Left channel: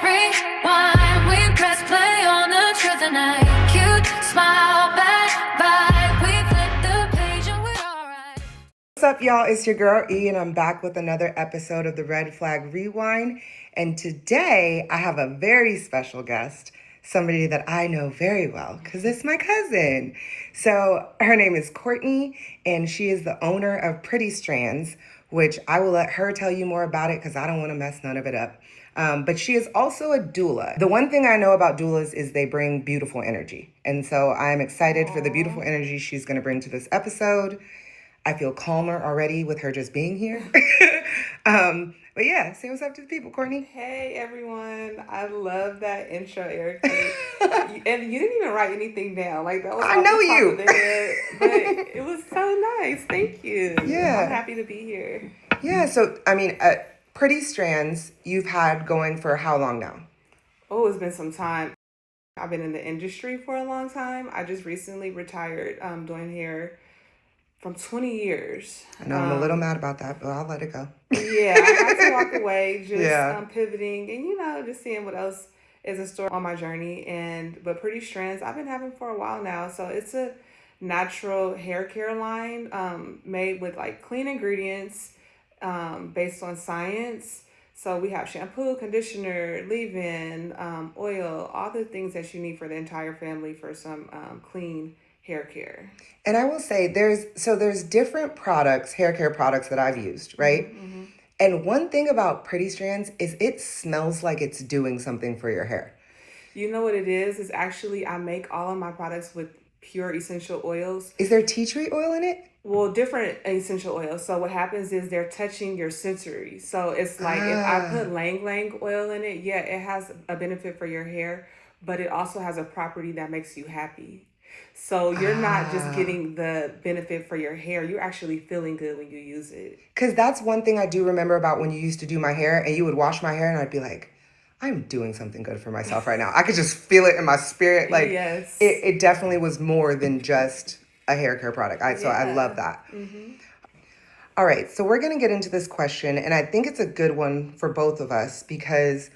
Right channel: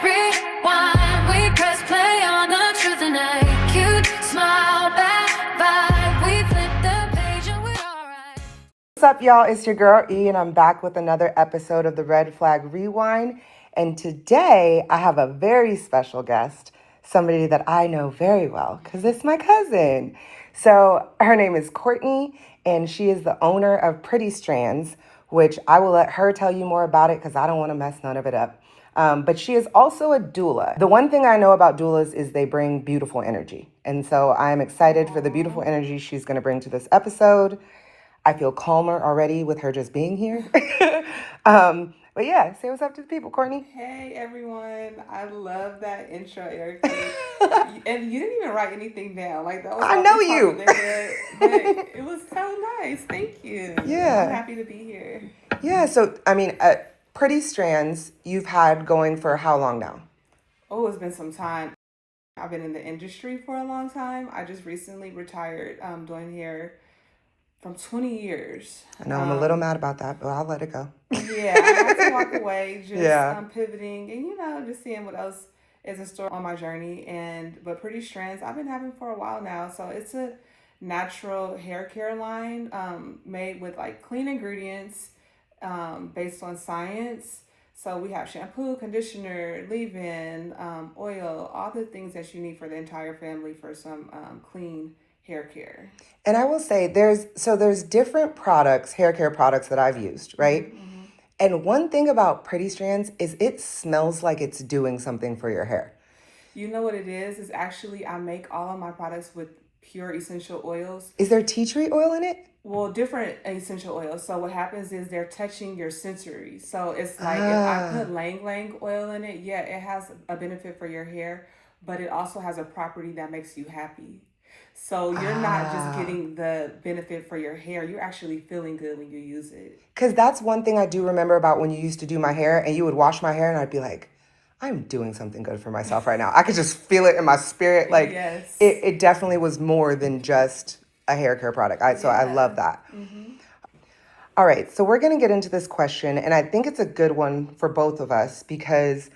flag, rewind. We press play on the truth tonight. Cute smile, bad vibe. We flip the page and we're alright. What's up, y'all? It's your girl E, and I'm back with another episode of the Red Flag Rewind. And today I have a very special guest, somebody that I know very well because it's my cousin. So her name is Courtney, and she is the owner of Pretty Strands, which I will let her tell you more about it because I don't want to mess none of it up. But she is also a doula. The one thing I know about doulas is they bring beautiful energy. And so I'm excited for the beautiful energy she's going to bring to this episode. I feel calmer already with her just being here. But yeah, say what's up to the people, Courtney. Hey everyone, I love that intro, Erica. And you didn't even write anything down. Like that was I know you. but it was so nice. Thank you. Yeah. I'm happy to be here. Yeah, so I mean, Pretty Strands you've had going for how long now? Oh, it's been some time. I've been in the industry for a long time. I just recently retired doing hair from 20 years. I know I'm a little mad about that, but I'll let it go. Yeah, I had to walk away, just pivoting and just seeing what else is in store on my journey. But Pretty Strands, I've been having for a while now. So it's a natural hair care line made with like clean ingredients based on science. So we have shampoo, conditioner, leave-in, oil, all the things that you need for the entire family for some clean hair care. And I will say there's different products, hair care products that I've used, right? Mm-hmm. And one thing about Pretty Strands is it smells like it's doing something for your hair. You know what it is? Is actually I make all of my products with pure essential oils. Is there tea tree oil in it? Well, different essential oils. So what happens is they're touching your sensory. So it's like if I put Lang Lang oil in it, yeah, it has a benefit for your hair, but it also has a property that makes you happy. So you're not just getting the benefit for your hair. You're actually feeling good when you use it. Because that's one thing I do remember about when you used to do my hair and you would wash my hair and I'd be like, I'm doing something good for myself right now. I could just feel it in my spirit. Like, yes. it definitely was more than just a hair care product. So I love that. Mm-hmm. All right, so we're going to get into this question, and I think it's a good one for both of us because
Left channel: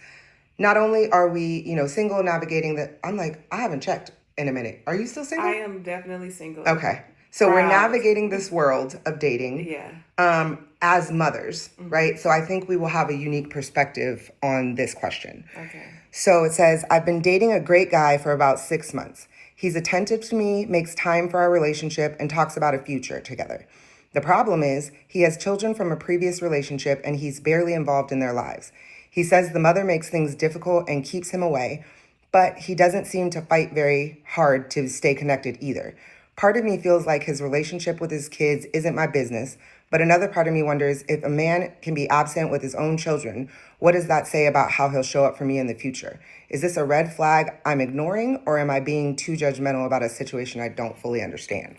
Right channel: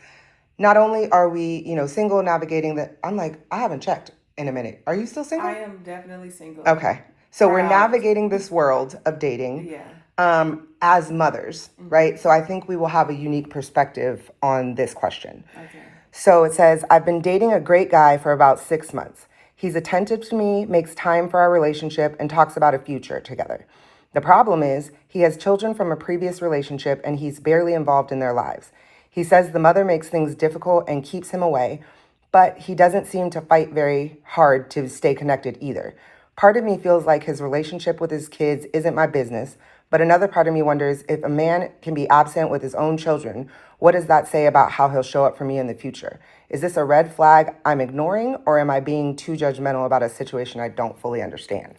not only are we, single, navigating that. I'm like, I haven't checked in a minute. Are you still single? I am definitely single. Okay. So we're navigating this world of dating as mothers, right? So I think we will have a unique perspective on this question. Okay. So it says, I've been dating a great guy for about 6 months. He's attentive to me, makes time for our relationship, and talks about a future together. The problem is he has children from a previous relationship and he's barely involved in their lives. He says the mother makes things difficult and keeps him away, but he doesn't seem to fight very hard to stay connected either. Part of me feels like his relationship with his kids isn't my business, but another part of me wonders if a man can be absent with his own children, what does that say about how he'll show up for me in the future? Is this a red flag I'm ignoring, or am I being too judgmental about a situation I don't fully understand?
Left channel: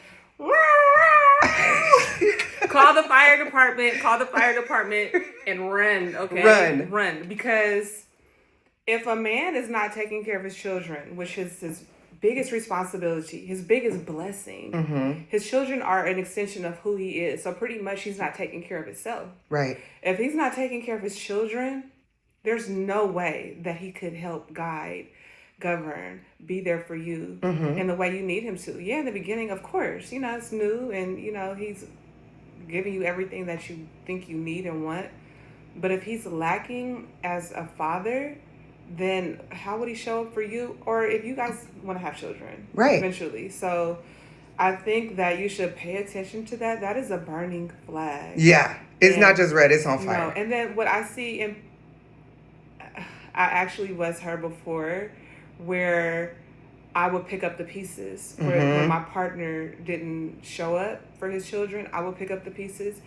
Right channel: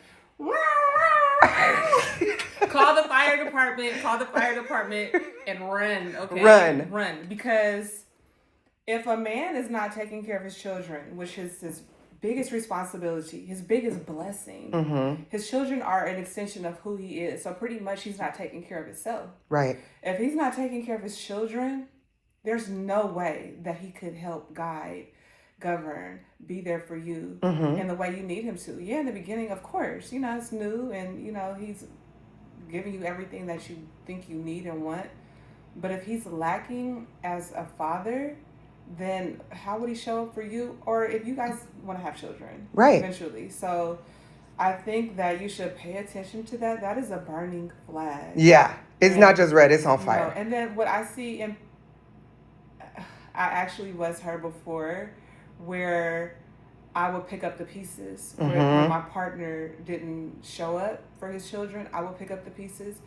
Call the fire department and run, okay? Run. Because if a man is not taking care of his children, which is his biggest responsibility, his biggest blessing, his children are an extension of who he is. So pretty much he's not taking care of himself. Right. If he's not taking care of his children, there's no way that he could help guide, govern, be there for you in the way you need him to. Yeah, in the beginning, of course, it's new and, he's giving you everything that you think you need and want. But if he's lacking as a father, then how would he show up for you? Or if you guys want to have children eventually. So I think that you should pay attention to that. That is a burning flag. Yeah. It's not just red, it's on fire. No. And then what I see, I actually was her before, where I would pick up the pieces. When my partner didn't show up for his children, I would pick up the pieces.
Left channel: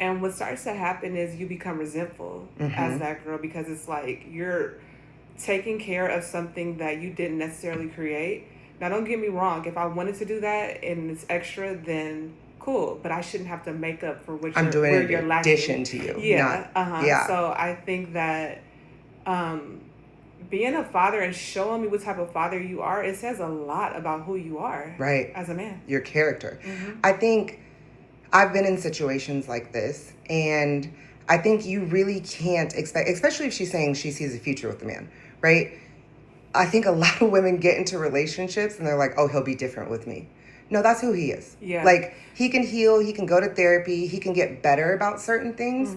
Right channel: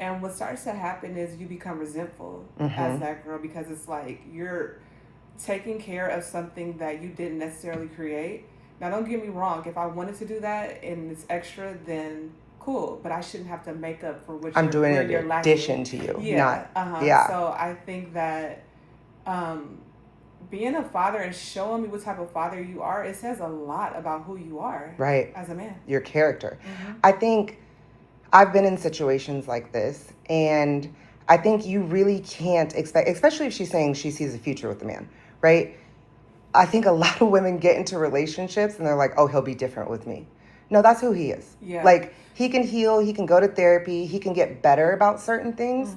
And what starts to happen is you become resentful as that girl, because it's like you're taking care of something that you didn't necessarily create. Now, don't get me wrong. If I wanted to do that and it's extra, then cool. But I shouldn't have to make up for what I'm doing in addition to you. Yeah. So I think that being a father and showing me what type of father you are, it says a lot about who you are. Right. As a man. Your character. I think I've been in situations like this, and I think you really can't expect, especially if she's saying she sees a future with the man, right? I think a lot of women get into relationships and they're like, oh, he'll be different with me. No, that's who he is. Yeah. Like, he can heal, he can go to therapy, he can get better about certain things.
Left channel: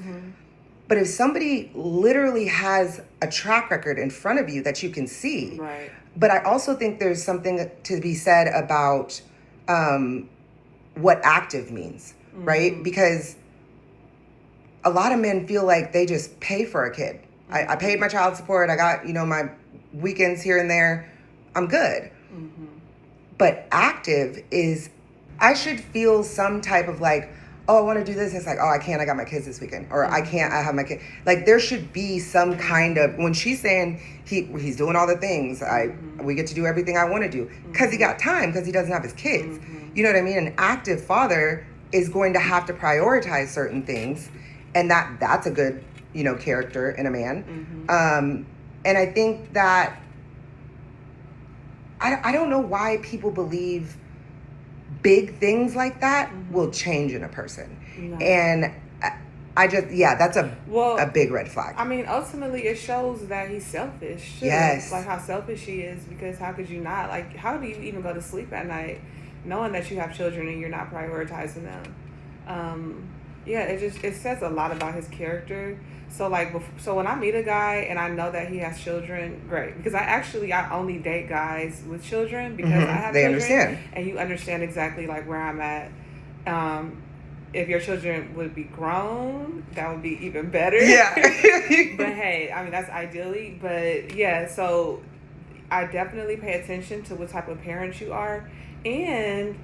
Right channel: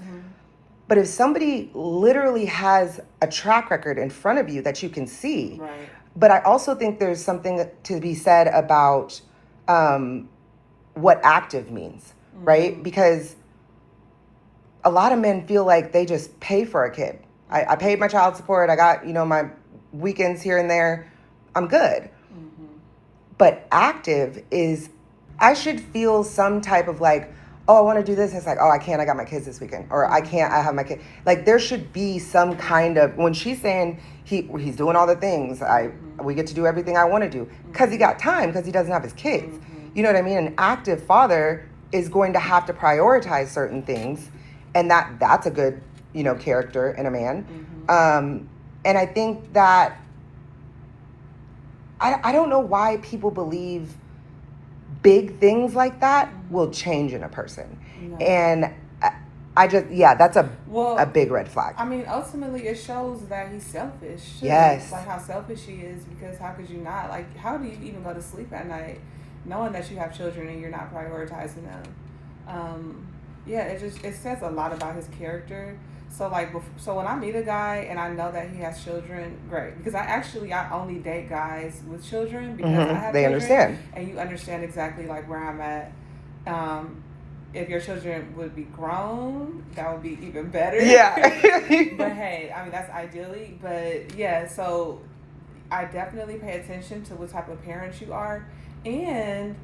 But if somebody literally has a track record in front of you that you can see, Right. but I also think there's something to be said about what active means, right? Because a lot of men feel like they just pay for a kid. I paid my child support, I got, my weekends here and there, I'm good. But active is, I should feel some type of like, oh, I want to do this. And it's like, oh, I can't, I got my kids this weekend. Or I can't, I have my kid. Like, there should be some kind of, when she's saying he's doing all the things, we get to do everything I want to do. Because he got time, because he doesn't have his kids. You know what I mean? An active father is going to have to prioritize certain things. And that's a good, character in a man. And I think that, I don't know why people believe big things like that will change in a person. And I just, that's a big red flag. I mean, ultimately it shows that he's selfish too. Yes. Like how selfish he is, because how could you not? Like, how do you even go to sleep at night knowing that you have children and you're not prioritizing them? It says a lot about his character. So when I meet a guy and I know that he has children, great. Because I only date guys with children because I have they children. Understand. And you understand exactly like where I'm at. If your children would be grown, that would be even better. Yeah. But hey, I mean, that's ideally. But yeah, so I definitely pay attention to what type of parent you are and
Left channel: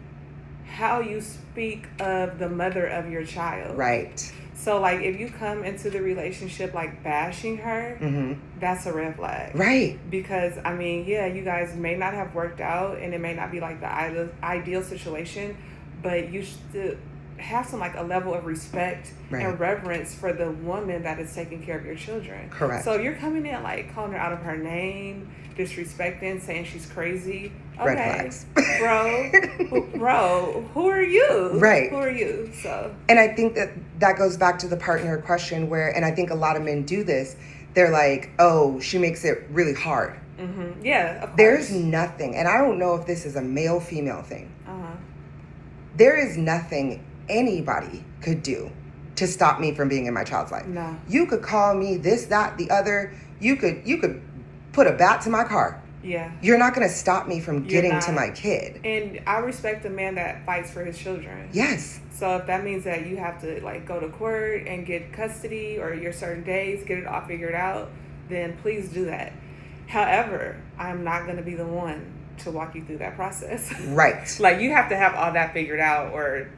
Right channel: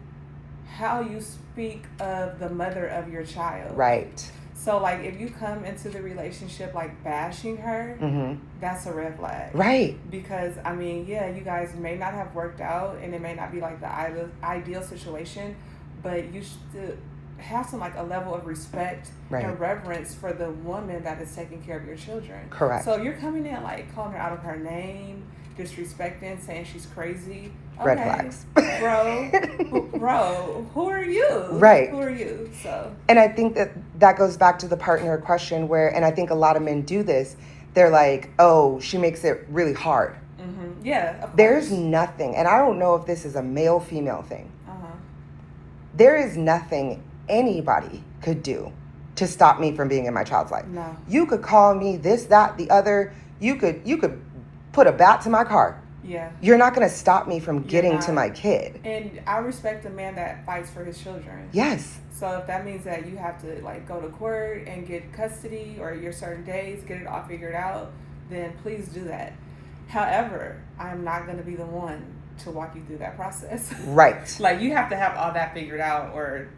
how you speak of the mother of your child. Right. So, like, if you come into the relationship, like, bashing her, that's a red flag. Right. Because, I mean, you guys may not have worked out, and it may not be, like, the ideal situation, but you should have some, like, a level of respect and reverence for the woman that is taking care of your children. Correct. So, if you're coming in, like, calling her out of her name, disrespecting, saying she's crazy. Okay, red flags. bro, who are you? Right. Who are you? So. And I think that goes back to the partner question and I think a lot of men do this. They're like, oh, she makes it really hard. Yeah, of course. There's nothing, and I don't know if this is a male-female thing. There is nothing anybody could do to stop me from being in my child's life. No. You could call me this, that, the other. You could put a bat to my car. Yeah. You're not going to stop me from getting to my kid. And I respect a man that fights for his children. Yes. So if that means that you have to like go to court and get custody or your certain days, get it all figured out, then please do that. However, I'm not going to be the one to walk you through that process. Right. Like, you have to have all that figured out, or,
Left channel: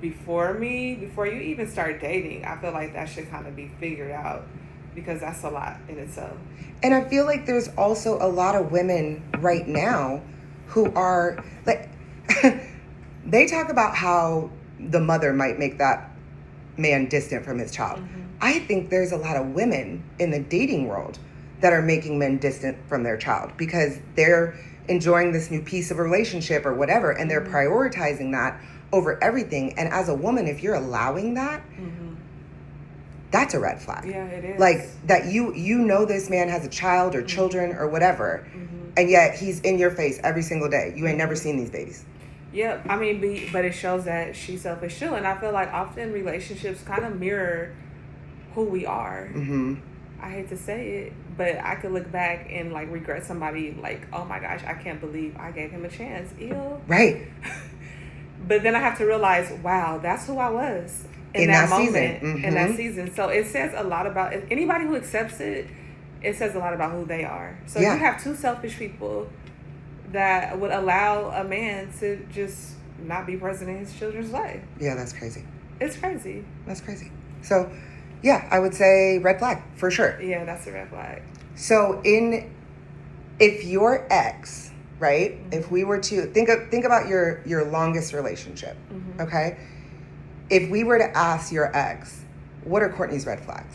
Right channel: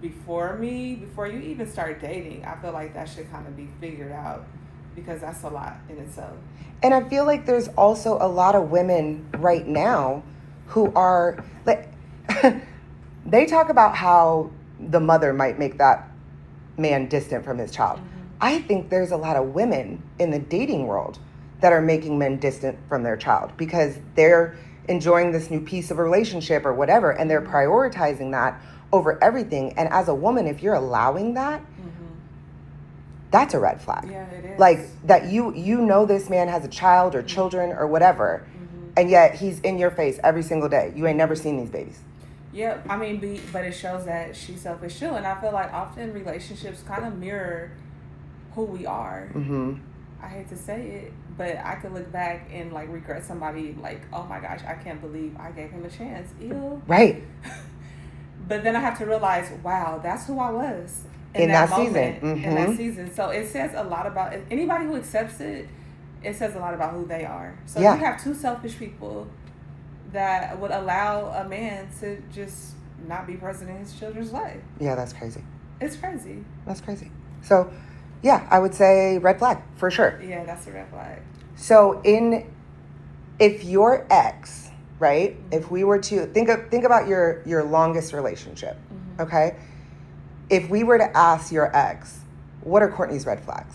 before you even start dating, I feel like that should kind of be figured out, because that's a lot in itself. And I feel like there's also a lot of women right now who are like, they talk about how the mother might make that man distant from his child. I think there's a lot of women in the dating world that are making men distant from their child because they're enjoying this new piece of a relationship or whatever, and they're prioritizing that over everything. And as a woman, if you're allowing that, that's a red flag. Yeah, it is. Like that you know this man has a child or children or whatever, and yet he's in your face every single day. You ain't never seen these babies. Yeah, I mean, but it shows that she's selfish too. And I feel like often relationships kind of mirror who we are. I hate to say it, but I could look back and like regret somebody like, oh my gosh, I can't believe I gave him a chance. Ew. Right. But then I have to realize, wow, that's who I was in that moment, season. in that season. So it says a lot about anybody who accepts it. It says a lot about who they are. So you have two selfish people that would allow a man to just not be present in his children's life. Yeah, that's crazy. It's crazy. That's crazy. So, yeah, I would say red flag for sure. Yeah, that's a red flag. So if your ex, right? If we were to think about your longest relationship, okay? If we were to ask your ex, what are Courtney's red flags?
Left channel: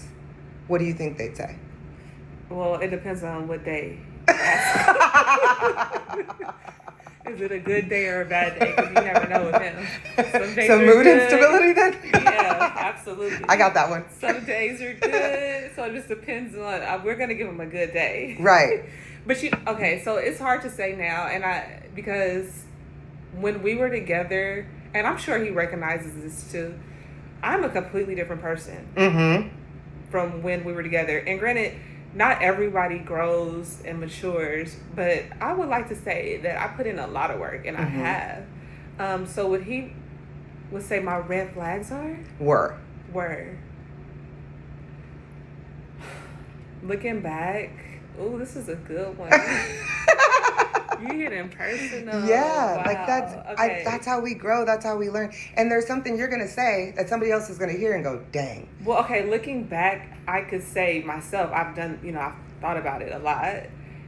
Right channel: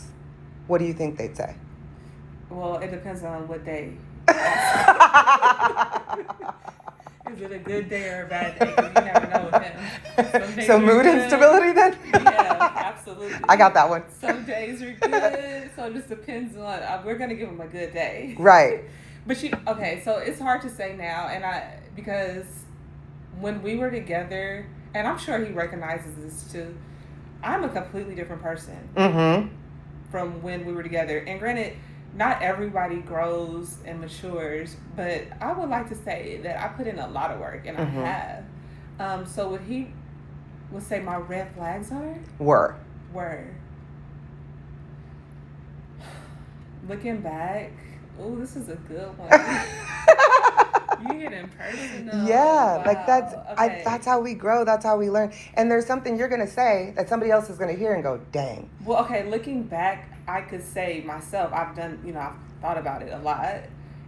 What do you think they'd say? Well, it depends on what day. Is it a good day or a bad day? Because you never know with him. So mood instability then? Yeah, Absolutely. I got that one. Some days are good, so it just depends on. We're gonna give him a good day, Right. But okay, so it's hard to say now, because when we were together, and I'm sure he recognizes this too. I'm a completely different person from when we were together. And granted, not everybody grows and matures, but I would like to say that I put in a lot of work, and I have. So what he would say my red flags were. Looking back, oh, this is a good one. You're getting personal. Yeah, Wow. like that's how we grow. That's how we learn. And there's something you're gonna say that somebody else is gonna hear and go, "Dang." Well, okay. Looking back, I could say myself. I've thought about it a lot.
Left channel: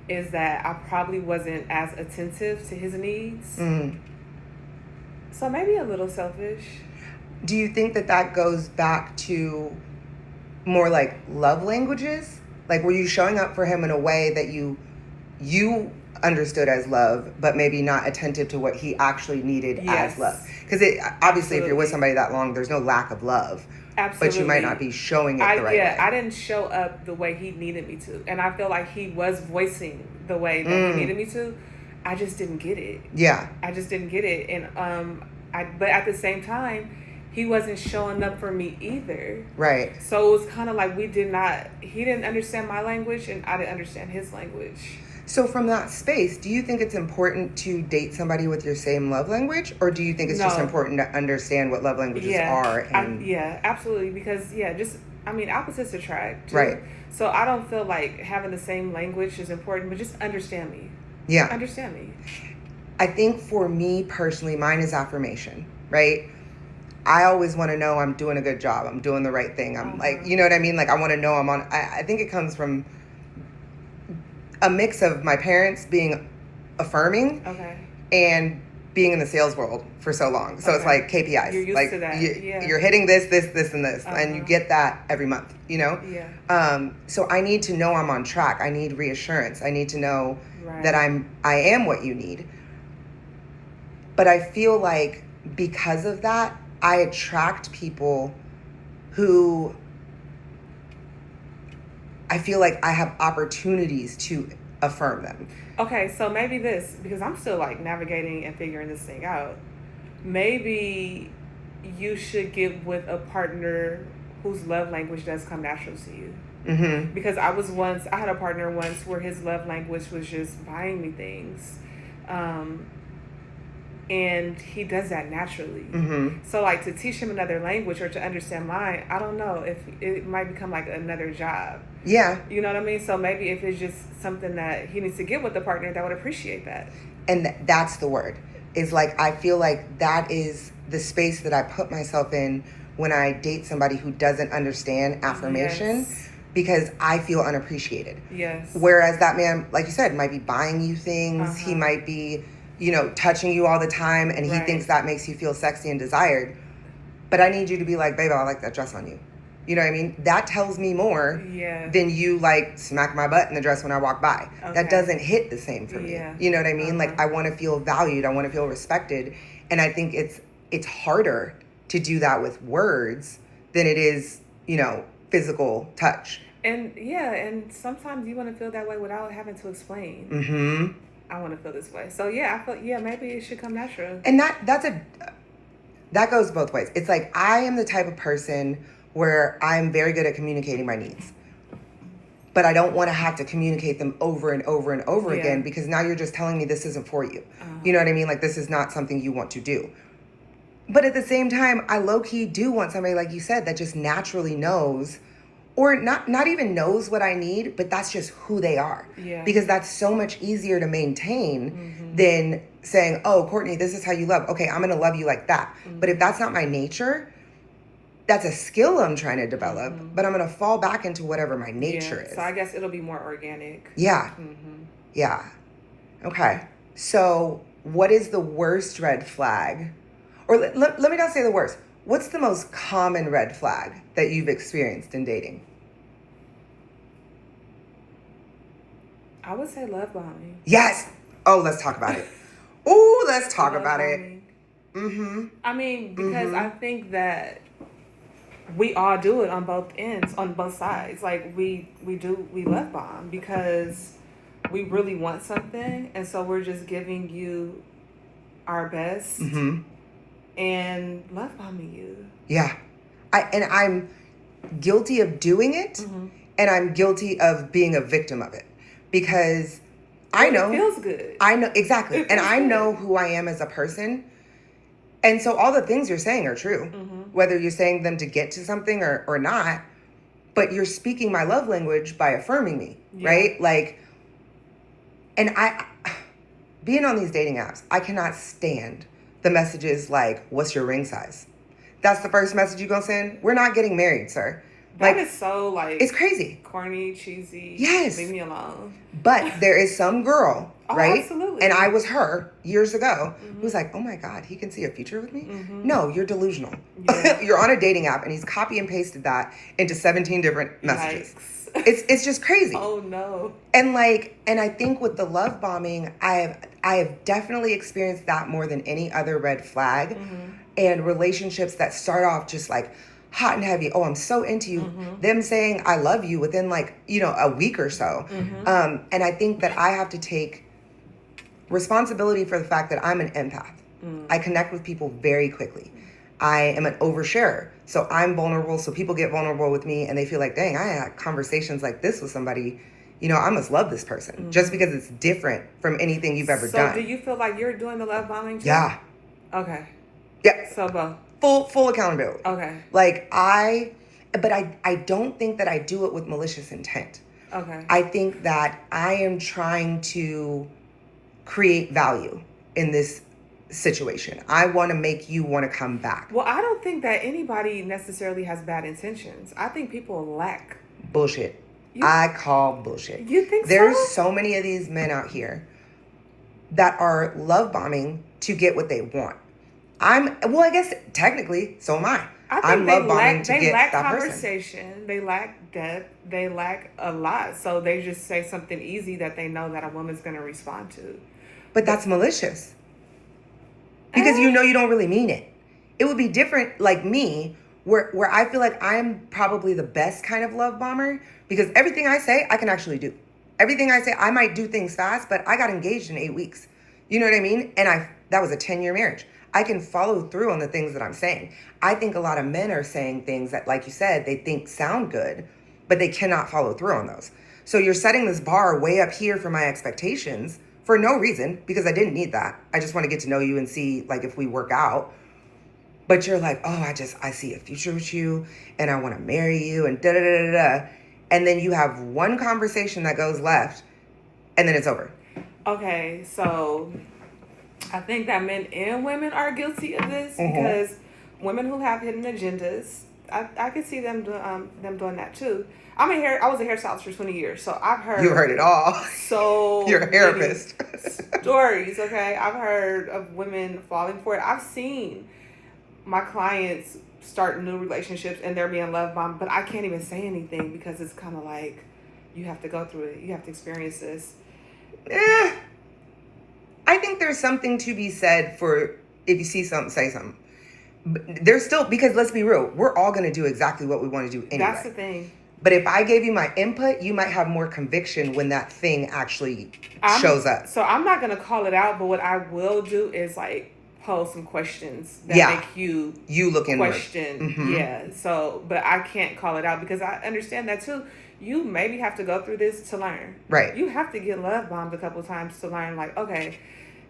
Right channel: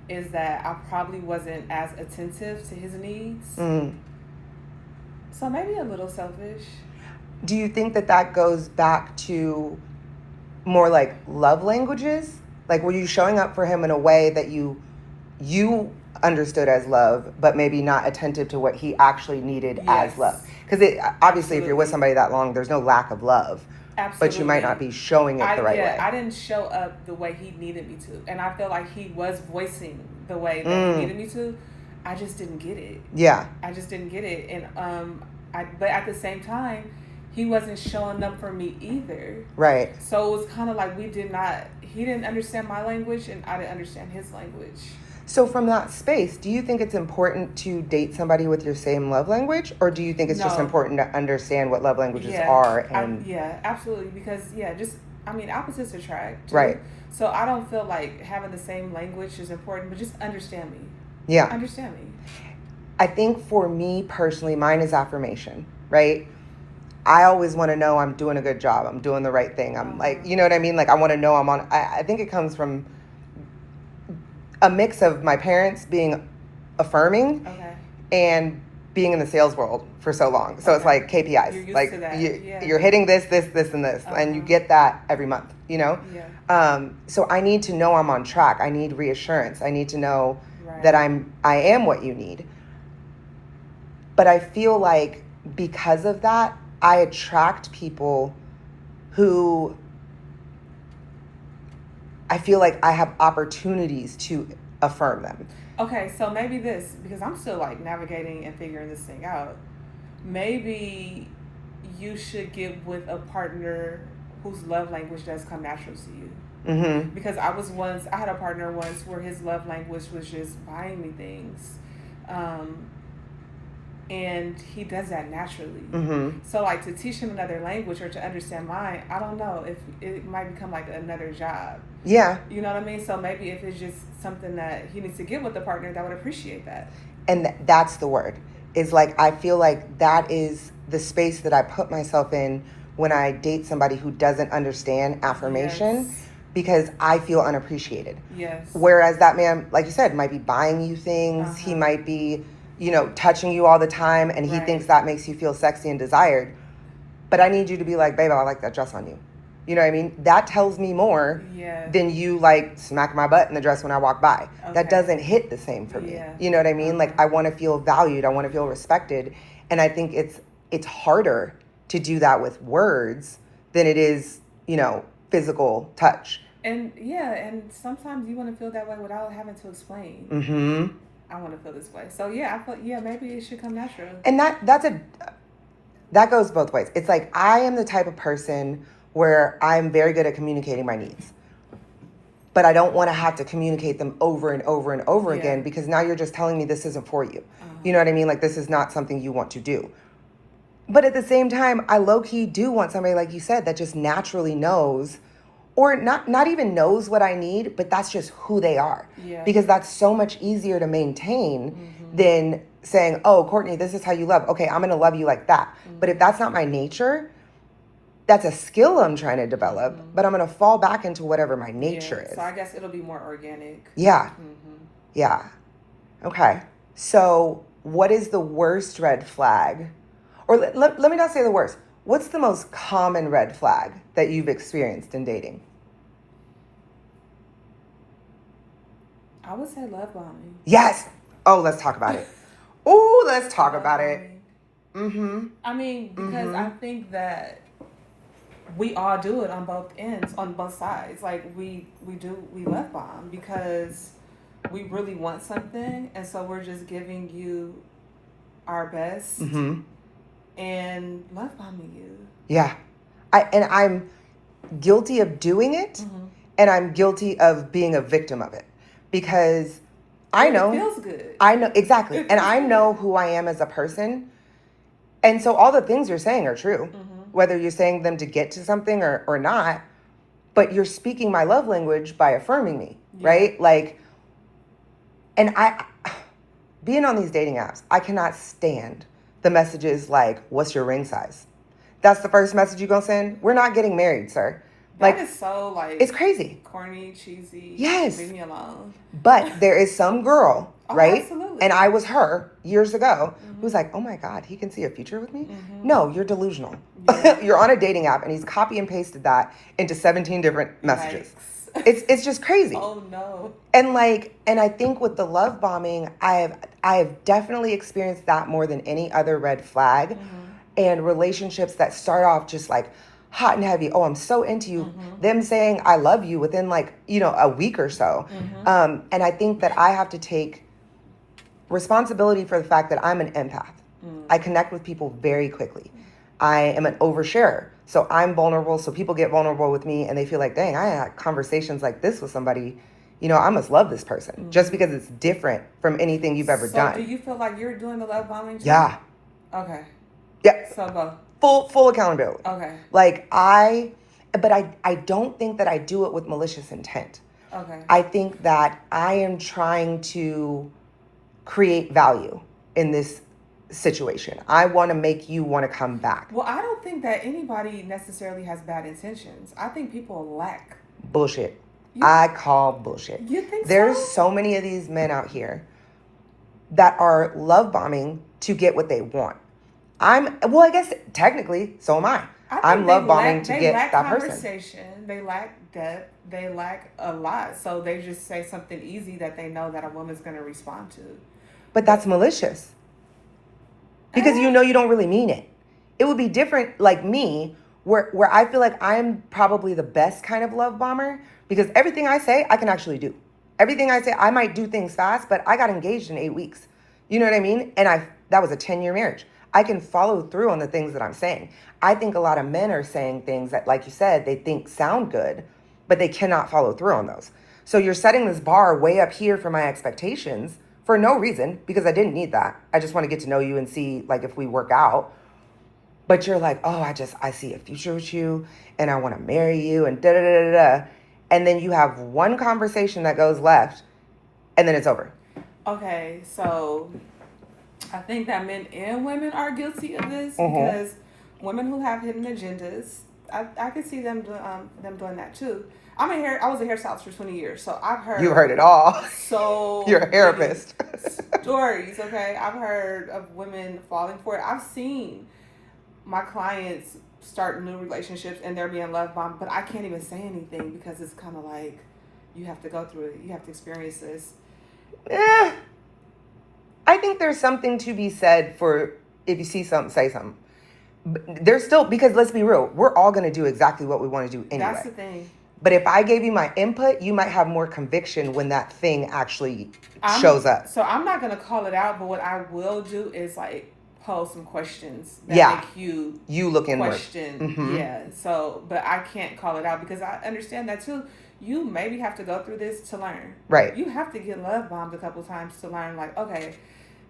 Is that I probably wasn't as attentive to his needs. So maybe a little selfish. Do you think that goes back to more like love languages? Like, were you showing up for him in a way that you understood as love, but maybe not attentive to what he actually needed as love? Because obviously, if you're with somebody that long, there's no lack of love. Absolutely. But you might not be showing it the right way. I didn't show up the way he needed me to. And I feel like he was voicing the way that he needed me to. I just didn't get it. Yeah. I just didn't get it. And but at the same time, he wasn't showing up for me either. Right. So it was kind of like he didn't understand my language and I didn't understand his language. So from that space, do you think it's important to date somebody with your same love language? Or do you think it's just important to understand what love languages are? And absolutely. Because, opposites attract. Too. Right. So I don't feel like having the same language is important, but just understand me. Yeah. Understand me. I think for me personally, mine is affirmation, right? I always want to know I'm doing a good job. I'm doing the right thing. I'm like, you know what I mean? Like, I want to know I think it comes from a mix of my parents being affirming and being in the sales world for so long. So it's like KPIs. You're used like to that. You're hitting this, and this, and you get that every month, you know? Yeah. So I need to know I'm on track. I need reassurance. I need to know that I am what you need. But I feel like because of that, I attract people who I feel like I have opportunities to affirm them. Okay, so maybe this, because I'm still like navigating and figuring this thing out. Maybe you should get with a partner whose love language does come natural to you. Mm-hmm. Because I had a partner once where his love language was just buying me things. And he does that naturally. Mm-hmm. So like to teach him another language or to understand mine, I don't know if it might become like another job. Yeah. You know what I mean? So maybe if it's just something that he needs to get with a partner that would appreciate that. And that's the word. Is like, I feel like that is the space that I put myself in when I date somebody who doesn't understand affirmation. Yes. Because I feel unappreciated. Yes. Whereas that man, like you said, might be buying you things. He might be, touching you all the time, and he thinks that makes you feel sexy and desired. But I need you to be like, babe, I like that dress on you. You know what I mean? That tells me more than you like smack my butt in the dress when I walk by. Okay. That doesn't hit the same for me. You know what I mean? Like, I want to feel valued. I want to feel respected. And I think it's harder to do that with words than it is, physical touch. And and sometimes you want to feel that way without having to explain. Mm-hmm. I want to feel this way. So I feel maybe it should come natural. And that goes both ways. It's like, I am the type of person where I'm very good at communicating my needs. But I don't want to have to communicate them over and over and over again, because now you're just telling me this isn't for you. You know what I mean? Like, this is not something you want to do. But at the same time, I low-key do want somebody, like you said, that just naturally knows, or not even knows what I need, but that's just who they are. Yeah. Because that's so much easier to maintain than saying, oh, Courtney, this is how you love. Okay, I'm going to love you like that. But if that's not my nature, that's a skill I'm trying to develop, but I'm going to fall back into whatever my nature is. So I guess it'll be more organic. Yeah. Yeah. Okay. So what is the worst red flag? Or let me not say the worst. What's the most common red flag that you've experienced in dating? I would say love bombing. Yes. Oh, let's talk about it. Ooh, let's talk about it. Mm-hmm. I mean, because I think that we all do it on both ends, on both sides. Like we love bomb because we really want something, and so we're just giving you our best and love bombing you. Yeah. I'm guilty of doing it, and I'm guilty of being a victim of it because I know it feels good. I know exactly, and I know who I am as a person, and so all the things you're saying are true, whether you're saying them to get to something or not. But you're speaking my love language by affirming me, right? Like, and being on these dating apps, I cannot stand the messages like, "What's your ring size?" That's the first message you're gonna send. We're not getting married, sir. That is so like it's crazy, corny, cheesy. Yes, leave me alone. But there is some girl, right? Absolutely. And I was her years ago who's like, "Oh my God, he can see a future with me." No, you're delusional. Yeah. You're on a dating app, and he's copy and pasted that into 17 different messages. It's just crazy. Oh no. And I think with the love bombing, I have definitely experienced that more than any other red flag. And relationships that start off just like hot and heavy. Oh, I'm so into you. Them saying I love you within a week or so. And I think that I have to take responsibility for the fact that I'm an empath. I connect with people very quickly. I am an oversharer. So I'm vulnerable. So people get vulnerable with me and they feel like, dang, I had conversations like this with somebody. I must love this person just because it's different from anything you've ever done. So do you feel like you're doing the love bombing too? Yeah. Okay. Yeah. So full accountability. Okay. But I don't think that I do it with malicious intent. Okay. I think that I am trying to create value in this situation. I want to make you want to come back. Well, I don't think that anybody necessarily has bad intentions. I think people lack bullshit. I call bullshit. You think There's so many of these men out here that are love bombing to get what they want. I guess technically, so am I. I'm love bombing to get that person. They lack depth. They lack a lot. So they just say something easy that they know that a woman's going to respond to. But that's malicious. Because you don't really mean it. It would be different like me, where I feel like I'm probably the best kind of love bomber because everything I say, I can actually do. Everything I say, I might do things fast, but I got engaged in 8 weeks. You know what I mean? And that was a 10-year marriage. I can follow through on the things that I'm saying. I think a lot of men are saying things that, like you said, they think sound good, but they cannot follow through on those. So you're setting this bar way up here for my expectations for no reason, because I didn't need that. I just want to get to know you and see if we work out. But you're like, oh, I see a future with you and I want to marry you and da da da da da. And then you have one conversation that goes left and then it's over. Okay, so I think that men and women are guilty of this because women who have hidden agendas, I can see them doing that too. I was a hairstylist for 20 years, so I've heard. You heard it all. So you're a therapist. Stories, okay. I've heard of women falling for it. I've seen my clients start new relationships and they're being love bombed, but I can't even say anything because it's kind of like you have to go through it. You have to experience this. I think there's something to be said for if you see something, say something. There's still, because let's be real, we're all going to do exactly what we want to do anyway. That's the thing. But if I gave you my input, you might have more conviction when that thing actually shows up. So I'm not going to call it out, but what I will do is pose some questions that make you look inward. Question. Yeah. So, but I can't call it out because I understand that too. You maybe have to go through this to learn. Right. You have to get love bombed a couple times to learn okay,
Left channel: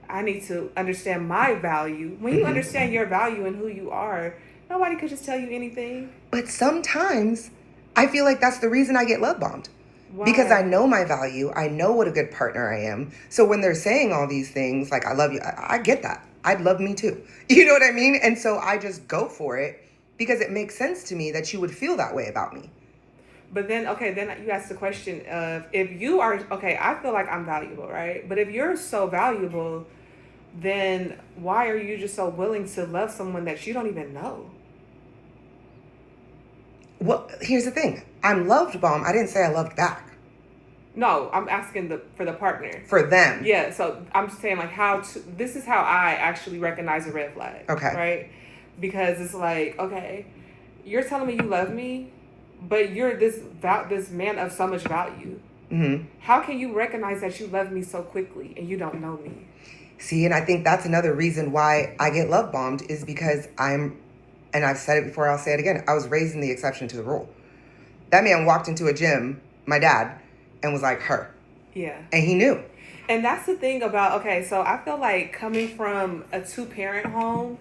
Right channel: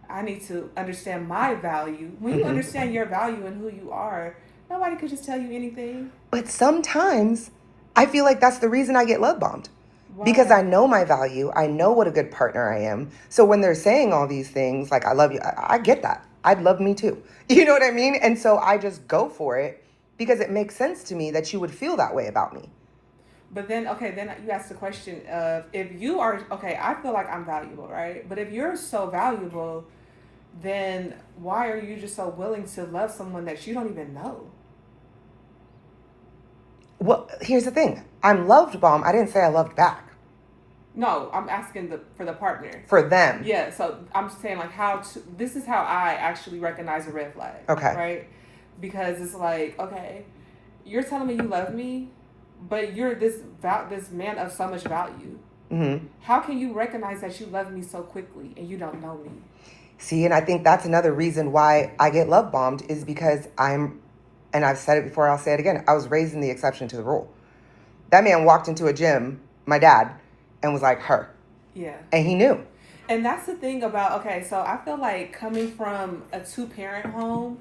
I need to understand my value. When you understand your value and who you are, nobody could just tell you anything. But sometimes I feel like that's the reason I get love bombed. Why? Because I know my value. I know what a good partner I am. So when they're saying all these things, I love you, I get that. I'd love me too. You know what I mean? And so I just go for it because it makes sense to me that you would feel that way about me. But then you ask the question of if you are, I feel like I'm valuable, right? But if you're so valuable, then why are you just so willing to love someone that you don't even know? Well, here's the thing. I'm loved bomb. I didn't say I loved back. No, I'm asking for the partner. For them. Yeah, so I'm saying this is how I actually recognize a red flag. Okay. Right? Because it's you're telling me you love me, but you're this man of so much value. Mm-hmm. How can you recognize that you love me so quickly and you don't know me? See, and I think that's another reason why I get love bombed is because and I've said it before, I'll say it again, I was raised in the exception to the rule. That man walked into a gym, my dad, and was like, her. Yeah. And he knew. And that's the thing about, okay, so I feel like coming from a 2-parent home,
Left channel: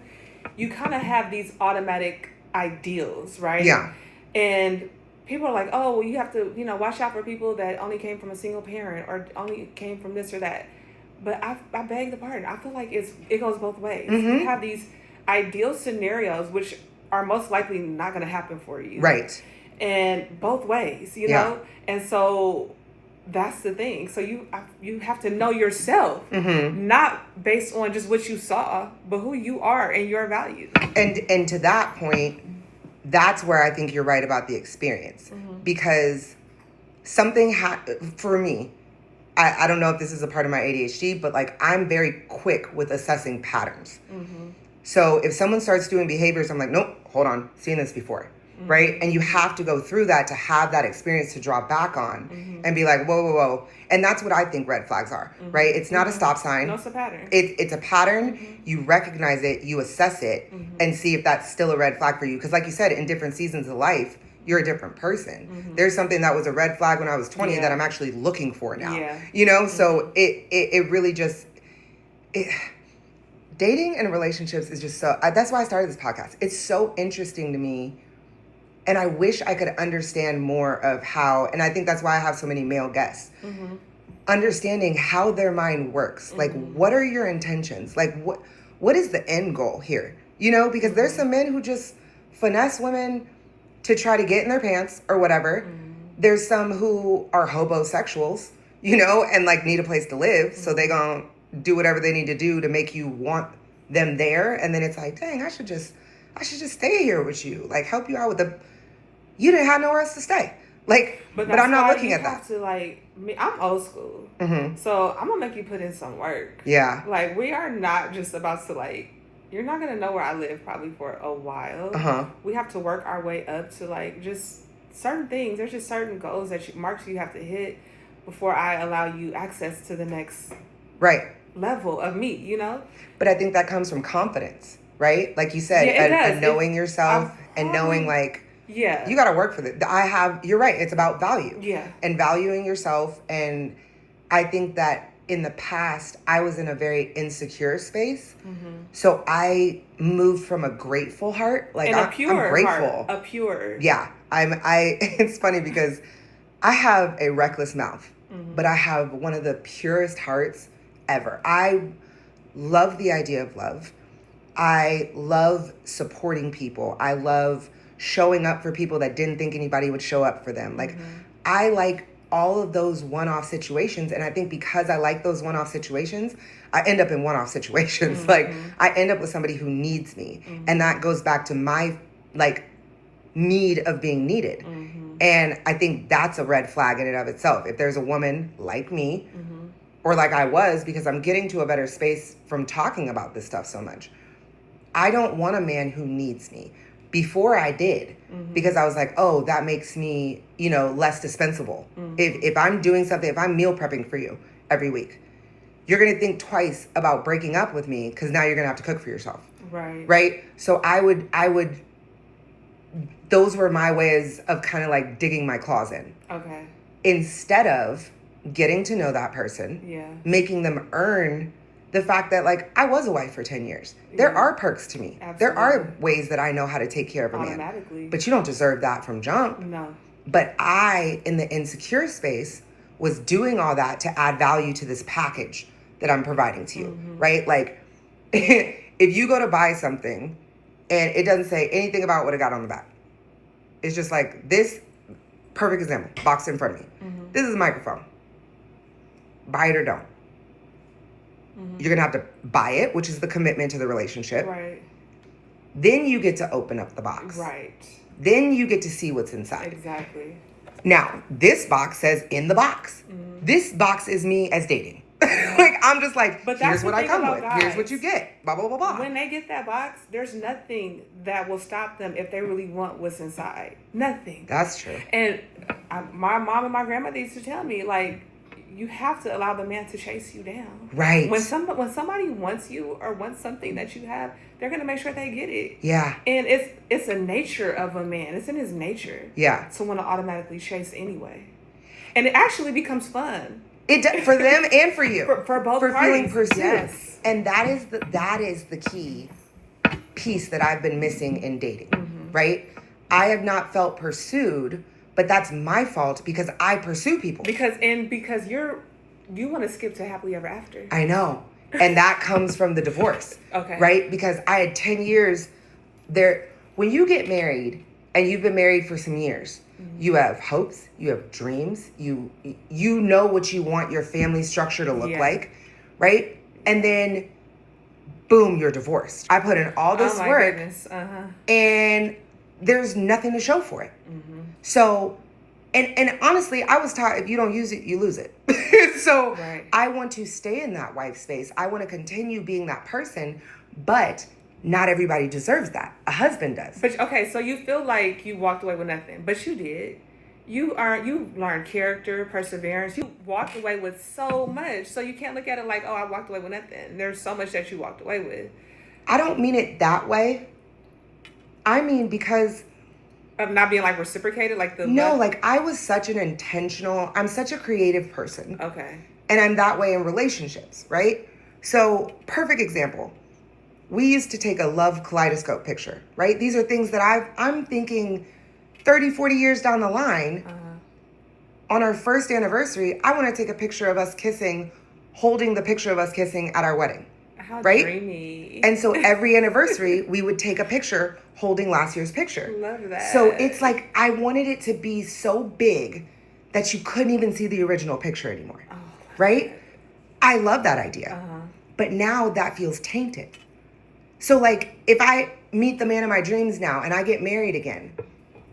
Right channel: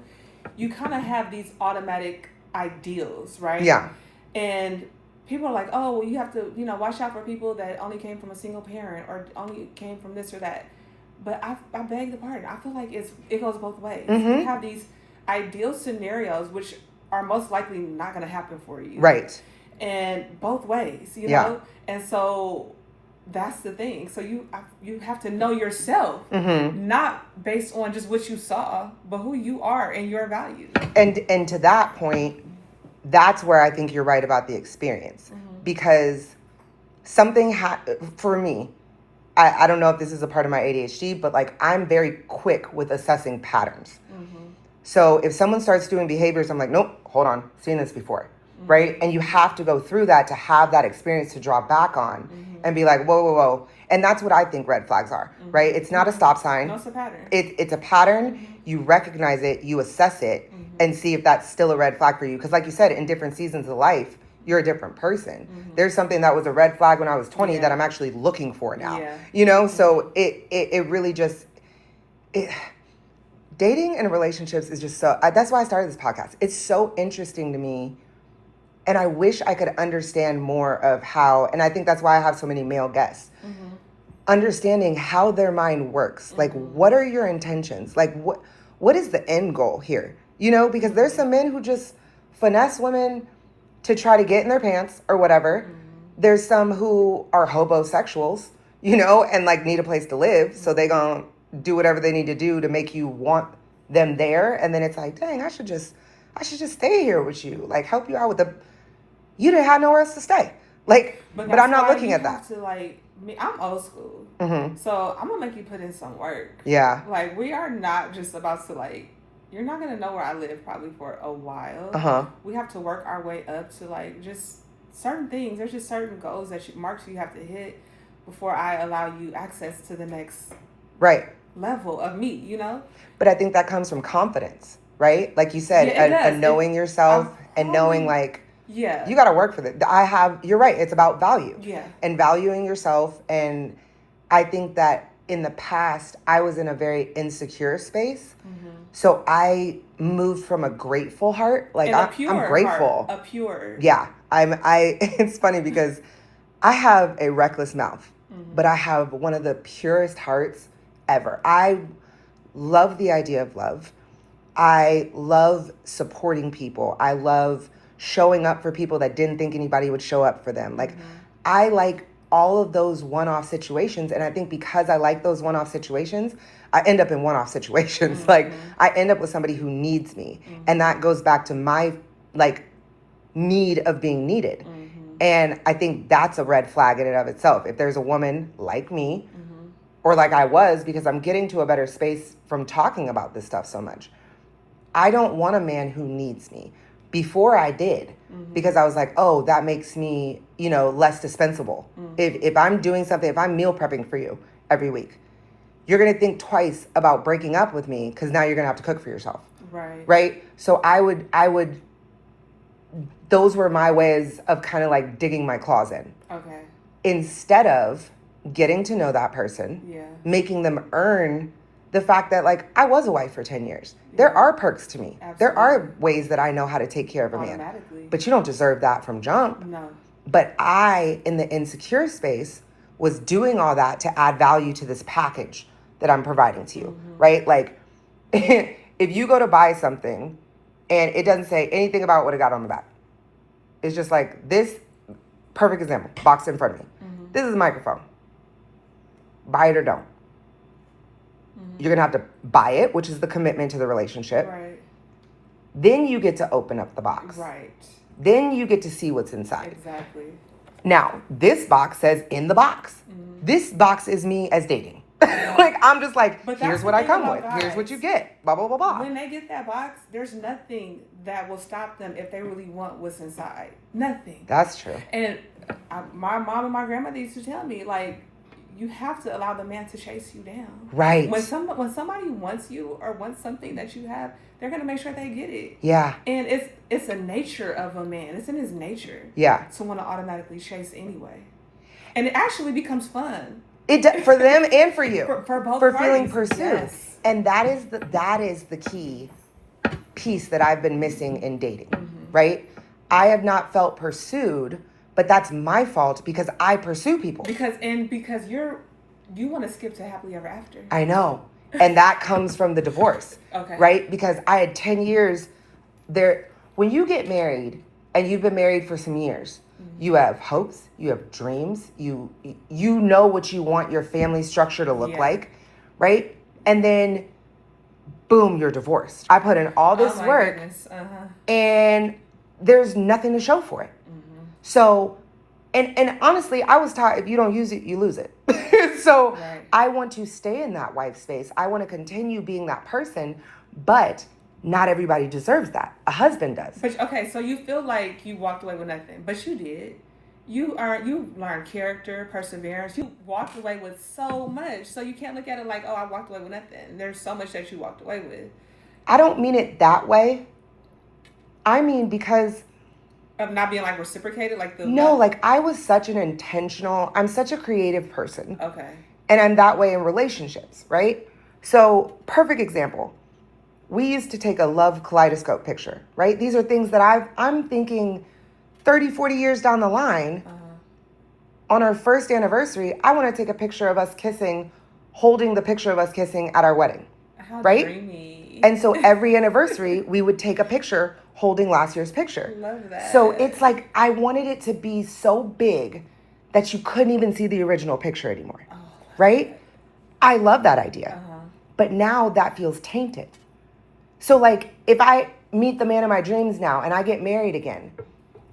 you kind of have these automatic ideals, right? Yeah. And people are like, oh, well, you have to, watch out for people that only came from a single parent or only came from this or that. But I beg the pardon. I feel like it goes both ways. Mm-hmm. You have these ideal scenarios, which are most likely not going to happen for you. Right. And both ways, you know? And so that's the thing. So you have to know yourself, mm-hmm. not based on just what you saw, but who you are and your value. And to that point, that's where I think you're right about the experience. Mm-hmm. Because something for me, I don't know if this is a part of my ADHD, but like I'm very quick with assessing patterns. Mm-hmm. So if someone starts doing behaviors, I'm like, nope, hold on, seen this before. Mm-hmm. Right? And you have to go through that to have that experience to draw back on mm-hmm. and be like, whoa, whoa, whoa. And that's what I think red flags are, mm-hmm. right? It's not a stop sign. No, it's a pattern. It's a pattern. Mm-hmm. You recognize it, you assess it, mm-hmm. and see if that's still a red flag for you. Because like you said, in different seasons of life, you're a different person. Mm-hmm. There's something that was a red flag when I was 20 that I'm actually looking for now. Yeah. Mm-hmm. So it really just... dating and relationships is just so... that's why I started this podcast. It's so interesting to me. And I wish I could understand more of how... And I think that's why I have so many male guests. Mm-hmm. Understanding how their mind works. Mm-hmm. Like, what are your intentions? Like, what is the end goal here? Because there's some men who just finesse women to try to get in their pants or whatever. Mm-hmm. There's some who are hobosexuals, and like need a place to live. Mm-hmm. So they gonna do whatever they need to do to make you want them there. And then it's like, dang, I should just stay here with you. Like help you out with you didn't have nowhere else to stay. Like, but I'm not looking at that. I'm old school. Mm-hmm. So I'm gonna make you put in some work. Yeah. Like we are not just about to you're not going to know where I live probably for a while. Uh-huh. We have to work our way up to just certain things. There's just certain goals marks you have to hit before I allow you access to the next level of me, But I think that comes from confidence, right? Like you said, and knowing yourself and knowing you got to work for that. You're right. It's about value. Yeah. And valuing yourself. And I think that in the past, I was in a very insecure space. Mm-hmm. So I moved from a grateful heart. Like I'm grateful. A pure. Yeah. It's funny because I have a reckless mouth, mm-hmm. but I have one of the purest hearts ever. I love the idea of love. I love supporting people. I love showing up for people that didn't think anybody would show up for them. Like mm-hmm. I like all of those one-off situations. And I think because I like those one-off situations, I end up in one-off situations. Mm-hmm. Like I end up with somebody who needs me. Mm-hmm. And that goes back to my need of being needed. Mm-hmm. And I think that's a red flag in and of itself. If there's a woman like me, mm-hmm. or like I was, because I'm getting to a better space from talking about this stuff so much, I don't want a man who needs me. Before I did, mm-hmm. because I was like, oh, that makes me, less dispensable. Mm-hmm. If I'm doing something, if I'm meal prepping for you every week, you're going to think twice about breaking up with me because now you're going to have to cook for yourself. Right. Right? So I would, those were my ways of kind of digging my claws in. Okay. Instead of getting to know that person, making them earn the fact that I was a wife for 10 years. Yeah. There are perks to me. Absolutely. There are ways that I know how to take care of a man. But you don't deserve that from jump. No. But I, in the insecure space, was doing all that to add value to this package that I'm providing to you, mm-hmm. right? If you go to buy something and it doesn't say anything about what it got on the back, it's just this, perfect example, box in front of me. Mm-hmm. This is a microphone. Buy it or don't. Mm-hmm. You're going to have to buy it, which is the commitment to the relationship. Right. Then you get to open up the box. Right. Then you get to see what's inside. Exactly. Now, this box says in the box. Mm-hmm. This box is me as dating. I'm just like, But here's that's what the I thing come about with. Here's what guys. you get. Blah, blah, blah, blah. When they get that box, there's nothing that will stop them if they really want what's inside. Nothing. That's true. And my mom and my grandmother used to tell me, like, you have to allow the man to chase you down. Right. When somebody wants you or wants something that you have, they're gonna make sure they get it. Yeah. And it's a nature of a man. It's in his nature. Yeah. To want to automatically chase anyway, and it actually becomes fun. For them and for you. For both for parties. feeling pursued. Yes. And that is the key piece that I've been missing in dating. Right? I have not felt pursued, but that's my fault because I pursue people. Because you want to skip to happily ever after. I know. And that comes from the divorce. Okay. Right? Because I had 10 years there. When you get married and you've been married for some years, you have hopes, you have dreams, you know what you want your family structure to look like, right? And then boom, you're divorced. I put in all this work and there's nothing to show for it. So, and honestly, I was taught if you don't use it, you lose it. So I want to stay in that wife space. I want to continue being that person, but not everybody deserves that. A husband does. But okay, so you feel like you walked away with nothing, but you did. You learned character, perseverance. You walked away with so much. So you can't look at it like, oh, I walked away with nothing. There's so much that you walked away with. I don't mean it that way. I mean because of not being like reciprocated, like the no, like I was such I'm such a creative person. Okay. And I'm that way in relationships, right? So perfect example. We used to take a love kaleidoscope picture, right? These are things that I'm thinking 30, 40 years down the line. On our first anniversary, I want to take a picture of us kissing, holding the picture of us kissing at our wedding. How right? Dreamy. And so every anniversary, we would take a picture holding last year's picture. Love that. So it's like I wanted it to be so big that you couldn't even see the original picture anymore, right? I love that idea. But now that feels tainted. So like if I meet the man of my dreams now and I get married again,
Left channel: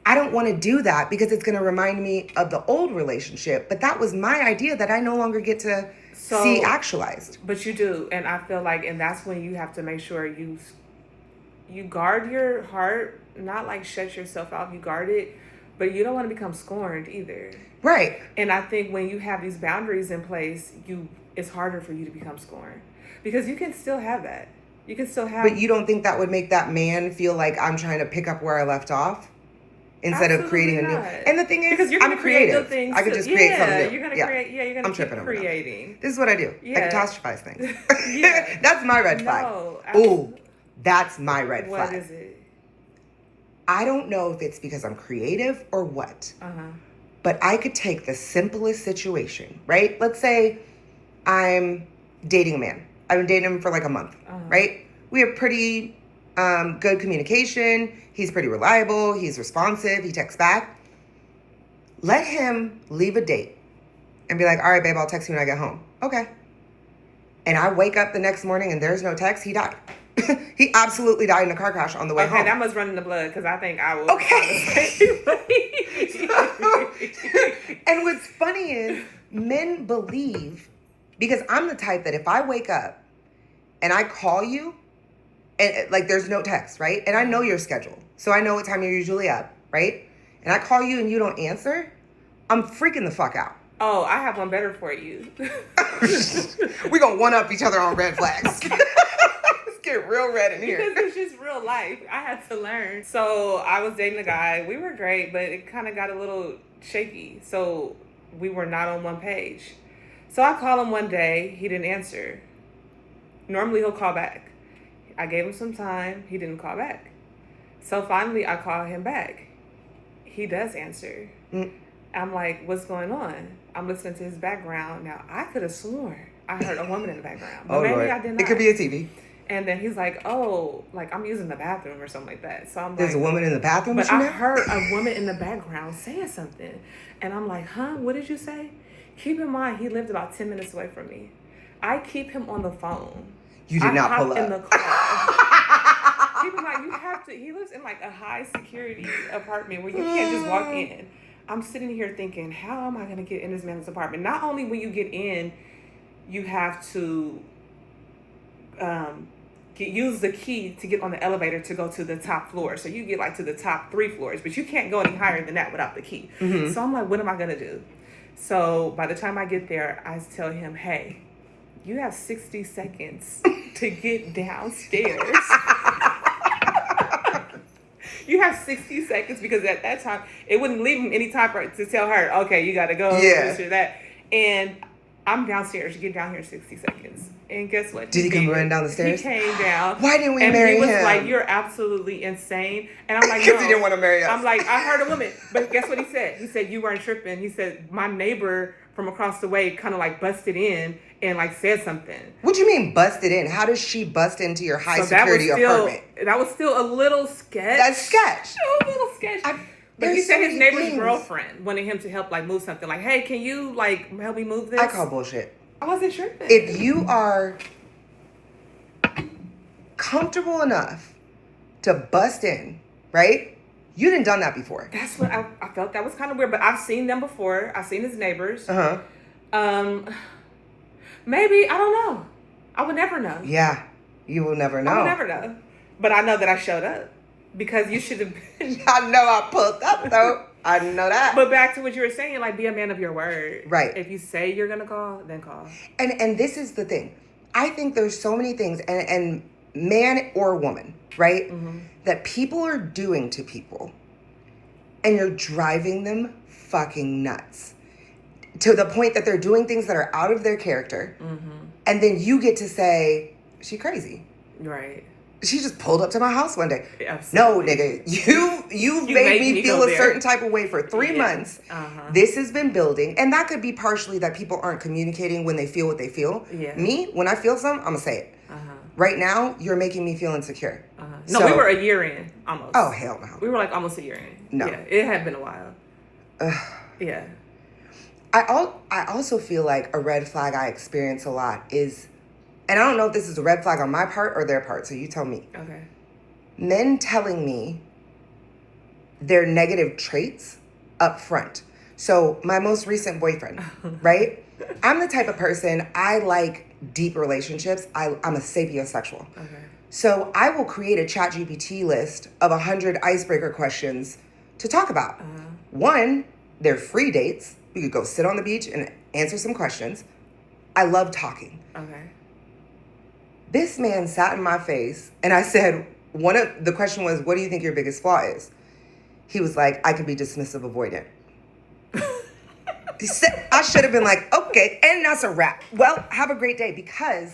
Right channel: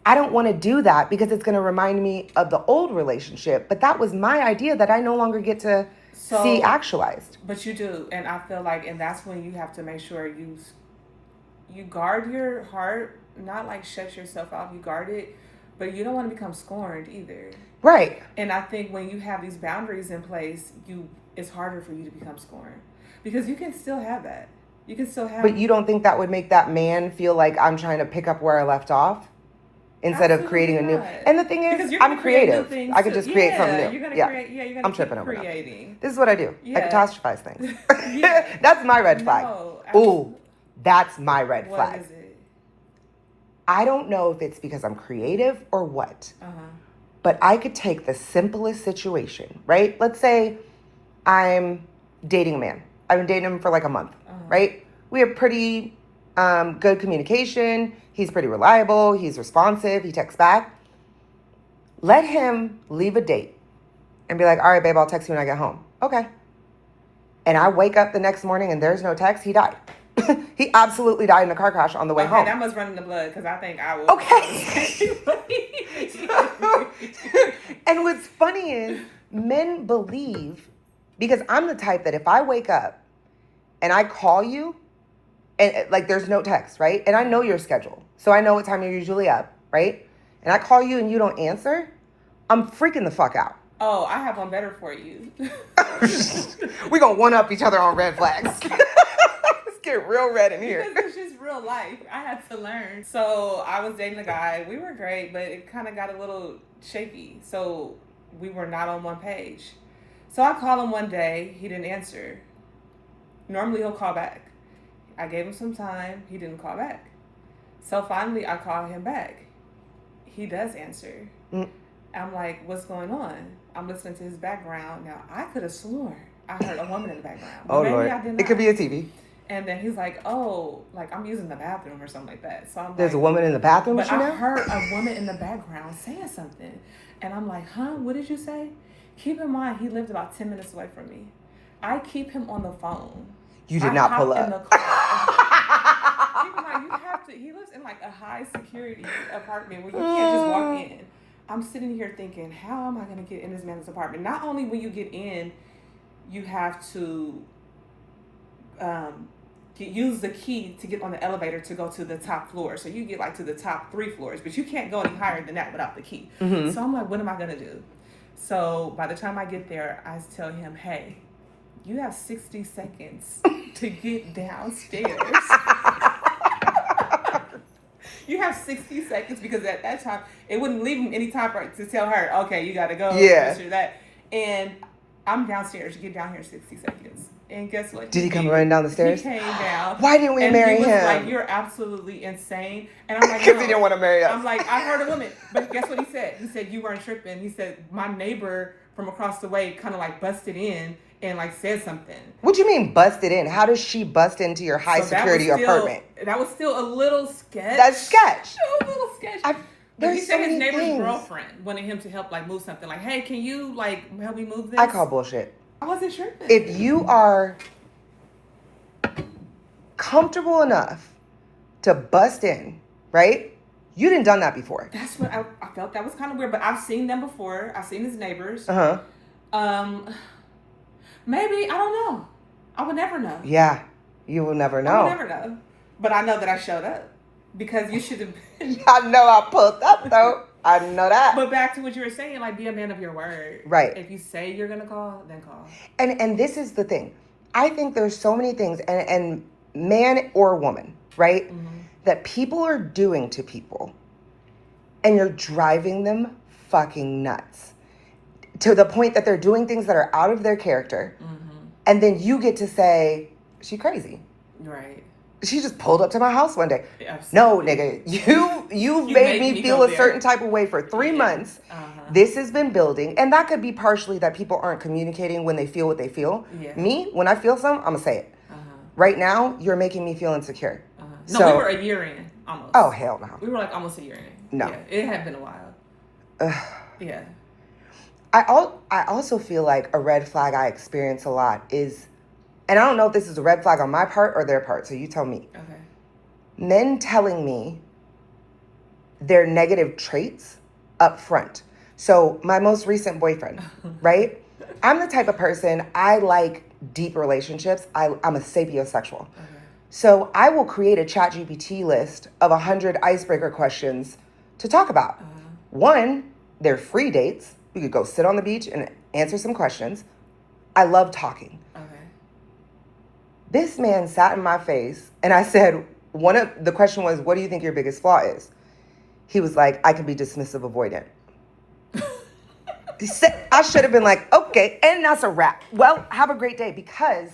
I don't want to do that because it's going to remind me of the old relationship. But that was my idea that I no longer get to see actualized. But you do. And I feel like, and that's when you have to make sure you guard your heart, not like shut yourself out, you guard it, but you don't want to become scorned either. Right. And I think when you have these boundaries in place, it's harder for you to become scorned because you can still have that. You can still have. But you don't think that would make that man feel like I'm trying to pick up where I left off? Instead of creating a new. And the thing is, I'm creative. I could just create something new. You're gonna create. Yeah, you're gonna. I'm tripping over creating. That. This is what I do. Yeah. I catastrophize things. That's my red flag. Ooh, that's my red flag. What is it? I don't know if it's because I'm creative or what. But I could take the simplest situation, right? Let's say I'm dating a man. I've been dating him for like a month, right? We have pretty good communication. He's pretty reliable. He's responsive. He texts back. Let him leave a date and be like, all right, babe, I'll text you when I get home. Okay. And I wake up the next morning and there's no text. He died. He absolutely died in a car crash on the way home. That must run in the blood because I think I will. Okay. And what's funny is men believe, because I'm the type that if I wake up and I call you, and like there's no text, right? And I know your schedule. So I know what time you're usually up, right? And I call you and you don't answer, I'm freaking the fuck out. Oh, I have one better for you. We're going to one-up each other on red flags. Let's get real red in here. Because it's just real life. I had to learn. So I was dating a guy. We were great, but it kind of got a little shaky. So we were not on one page. So I called him one day. He didn't answer. Normally he'll call back. I gave him some time. He didn't call back. So finally I call him back. He does answer. I'm like, what's going on? I'm listening to his background. Now, I could have sworn I heard a woman in the background. But maybe Lord. I did not. It could be a TV. And then he's like, oh, like I'm using the bathroom or something like that. So I'm There's a woman in the bathroom? But I heard a woman in the background saying something. And I'm like, huh? What did you say? Keep in mind, he lived about 10 minutes away from me. I keep him on the phone. You did not pull up. In the car. Keep in mind, you have to, he lives in like a high security apartment where you can't just walk in. I'm sitting here thinking, how am I going to get in this man's apartment? Not only when you get in, you have to use the key to get on the elevator to go to the top floor. So you get like to the top 3 floors, but you can't go any higher than that without the key. Mm-hmm. So I'm like, what am I going to do? So by the time I get there, I tell him, hey, you have 60 seconds to get downstairs. You have 60 seconds, because at that time, it wouldn't leave him any time to tell her, okay, you got to go, this or that. And I'm downstairs. You get down here in 60 seconds. And guess what? Did he come running down the stairs? He came down. Why didn't we marry him? And he was like, you're absolutely insane. And I'm like, because he didn't want to marry us. I'm like, I heard a woman. But guess what he said? He said, you weren't tripping. He said, my neighbor from across the way kind of like busted in and like said something. What do you mean busted in? How does she bust into your high security apartment? That was still a little sketch. That's sketch. A little sketch. But he said his neighbor's girlfriend wanted him to help like move something. Like, hey, can you like help me move this? I call bullshit. I wasn't tripping. If you are comfortable enough to bust in, right? You didn't done that before. That's what I felt. That was kind of weird, but I've seen them before. I've seen his neighbors. Maybe, I don't know. I would never know. Yeah, you will never know. I would never know. But I know that I showed up because you should have been. I know I pulled up though. I know that. But back to what you were saying, like, be a man of your word. Right. If you say you're gonna call, then call. And this is the thing. I think there's so many things, and man or woman, right? Mm-hmm. That people are doing to people, and you're driving them fucking nuts to the point that they're doing things that are out of their character, and then you get to say, she crazy. Right. She just pulled up to my house one day. Absolutely. No, nigga, you made me feel a certain type of way for 3 months. This has been building, and that could be partially that people aren't communicating when they feel what they feel. Yeah. Me, when I feel something, I'm gonna say it. Right now, you're making me feel insecure. No, we were a year in, almost. Oh, hell no. We were like almost a year in. No. Yeah, it had been a while. Yeah. I also feel like a red flag I experience a lot is, and I don't know if this is a red flag on my part or their part, so you tell me. Okay. Men telling me their negative traits up front. So my most recent boyfriend, right? I'm the type of person, I like deep relationships. I'm a sapiosexual. Okay. So I will create a ChatGPT list of 100 icebreaker questions to talk about. One, they're free dates. We could go sit on the beach and answer some questions. I love talking. Okay. This man sat in my face and I said, the question was, what do you think your biggest flaw is? He was like, I can be dismissive avoidant. I should have been like, okay, and that's a wrap. Well, have a great day, because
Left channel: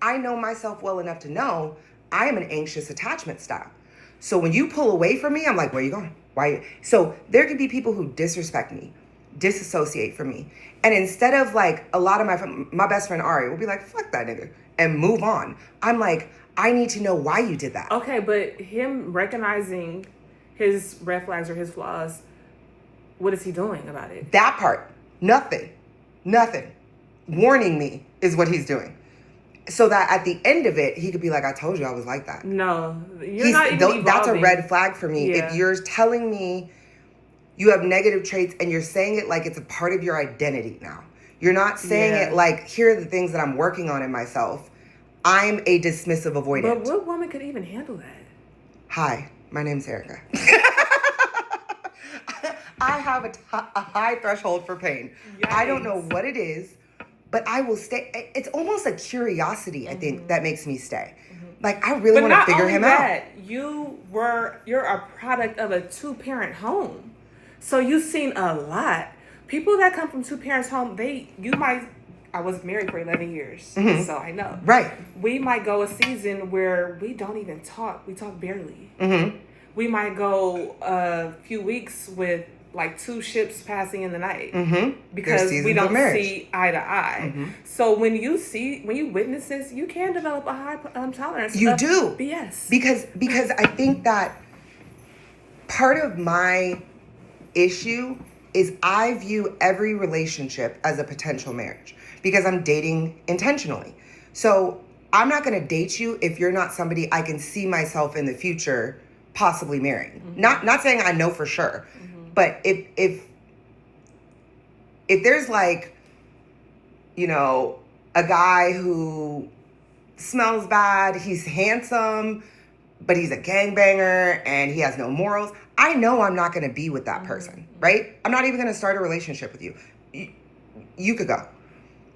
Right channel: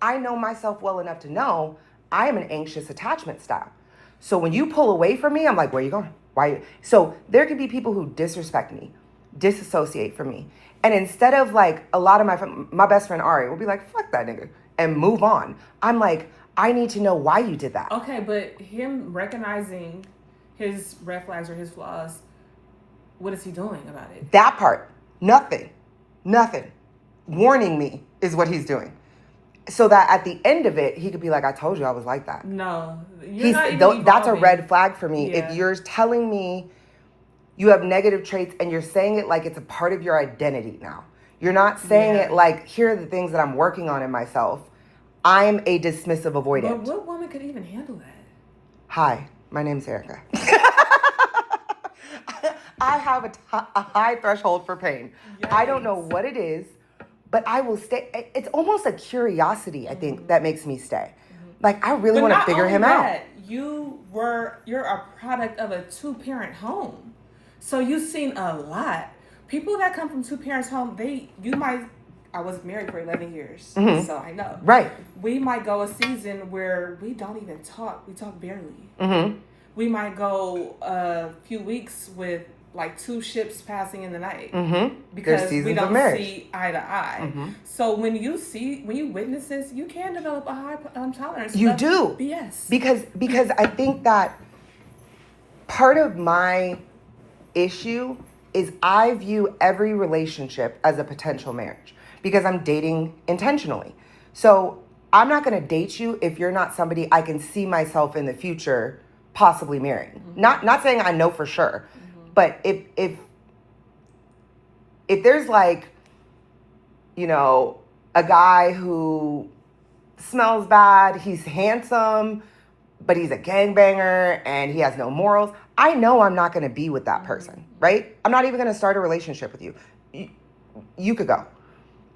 I know myself well enough to know I am an anxious attachment style. So when you pull away from me, I'm like, where are you going? Why? So there could be people who disrespect me, disassociate from me. And instead of like a lot of my best friend Ari will be like, fuck that nigga, and move on. I'm like, I need to know why you did that. Okay, but him recognizing his red flags or his flaws, what is he doing about it? That part, nothing. Warning me is what he's doing. So that at the end of it, he could be like, I told you I was like that. No, you're not even evolving. That's a red flag for me. Yeah. If you're telling me you have negative traits and you're saying it like it's a part of your identity now. You're not saying it like, here are the things that I'm working on in myself. I'm a dismissive avoidant. But what woman could even handle that? Hi, my name's Erica. I have a high threshold for pain. Yikes. I don't know what it is, but I will stay. It's almost a curiosity, I think, that makes me stay. Like, I really want to figure him out. You're a product of a 2-parent home. So you've seen a lot. People that come from 2 parents home, I was married for 11 years, so I know. Right. We might go a season where we don't even talk. We talk barely. We might go a few weeks with like 2 ships passing in the night because we don't see eye to eye. So when you witness this, you can develop a high tolerance. You do. BS. Because I think that part of my issue is I view every relationship as a potential marriage because I'm dating intentionally. So I'm not going to date you if you're not somebody I can see myself in the future possibly marrying. Not saying I know for sure, but if there's like, a guy who smells bad, he's handsome, but he's a gangbanger and he has no morals, I know I'm not going to be with that person, right? I'm not even going to start a relationship with you. You could go.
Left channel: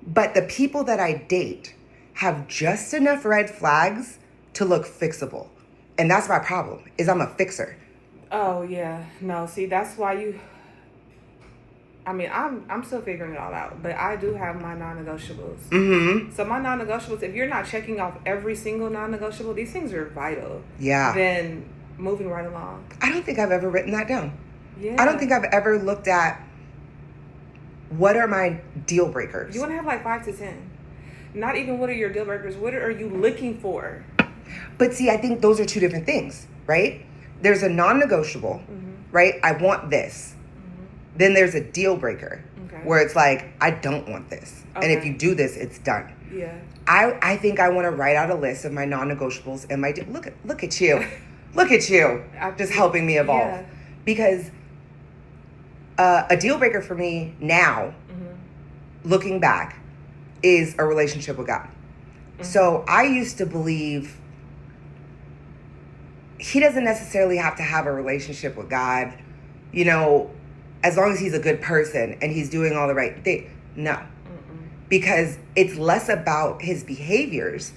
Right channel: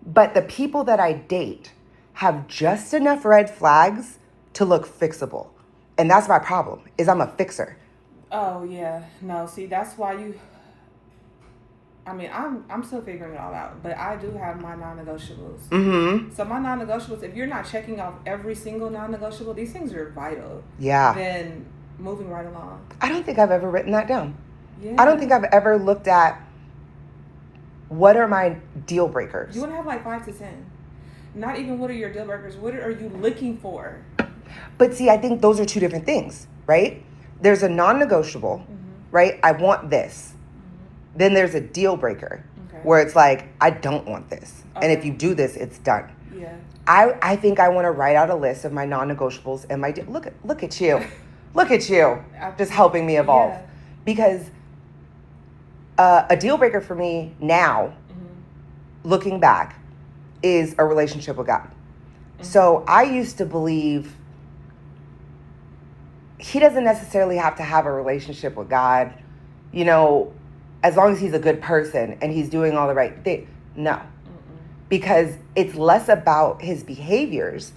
But the people that I date have just enough red flags to look fixable. And that's my problem, is I'm a fixer. Oh, yeah. No, see, that's why I'm still figuring it all out, but I do have my non-negotiables. Mm-hmm. So my non-negotiables, if you're not checking off every single non-negotiable, these things are vital. Yeah. Then moving right along. I don't think I've ever written that down. Yeah. I don't think I've ever looked at what are my deal breakers. You want to have like 5 to 10. Not even what are your deal breakers. What are you looking for? But see, I think those are two different things, right? There's a non-negotiable, right? I want this. Then there's a deal breaker where it's like, I don't want this. And if you do this, it's done. Yeah. I think I want to write out a list of my non-negotiables and my look at you. Look at you. Just helping me evolve. Yeah. Because a deal breaker for me now, looking back, is a relationship with God. So I used to believe he doesn't necessarily have to have a relationship with God, you know, as long as he's a good person and he's doing all the right things. No. Because it's less about his behaviors,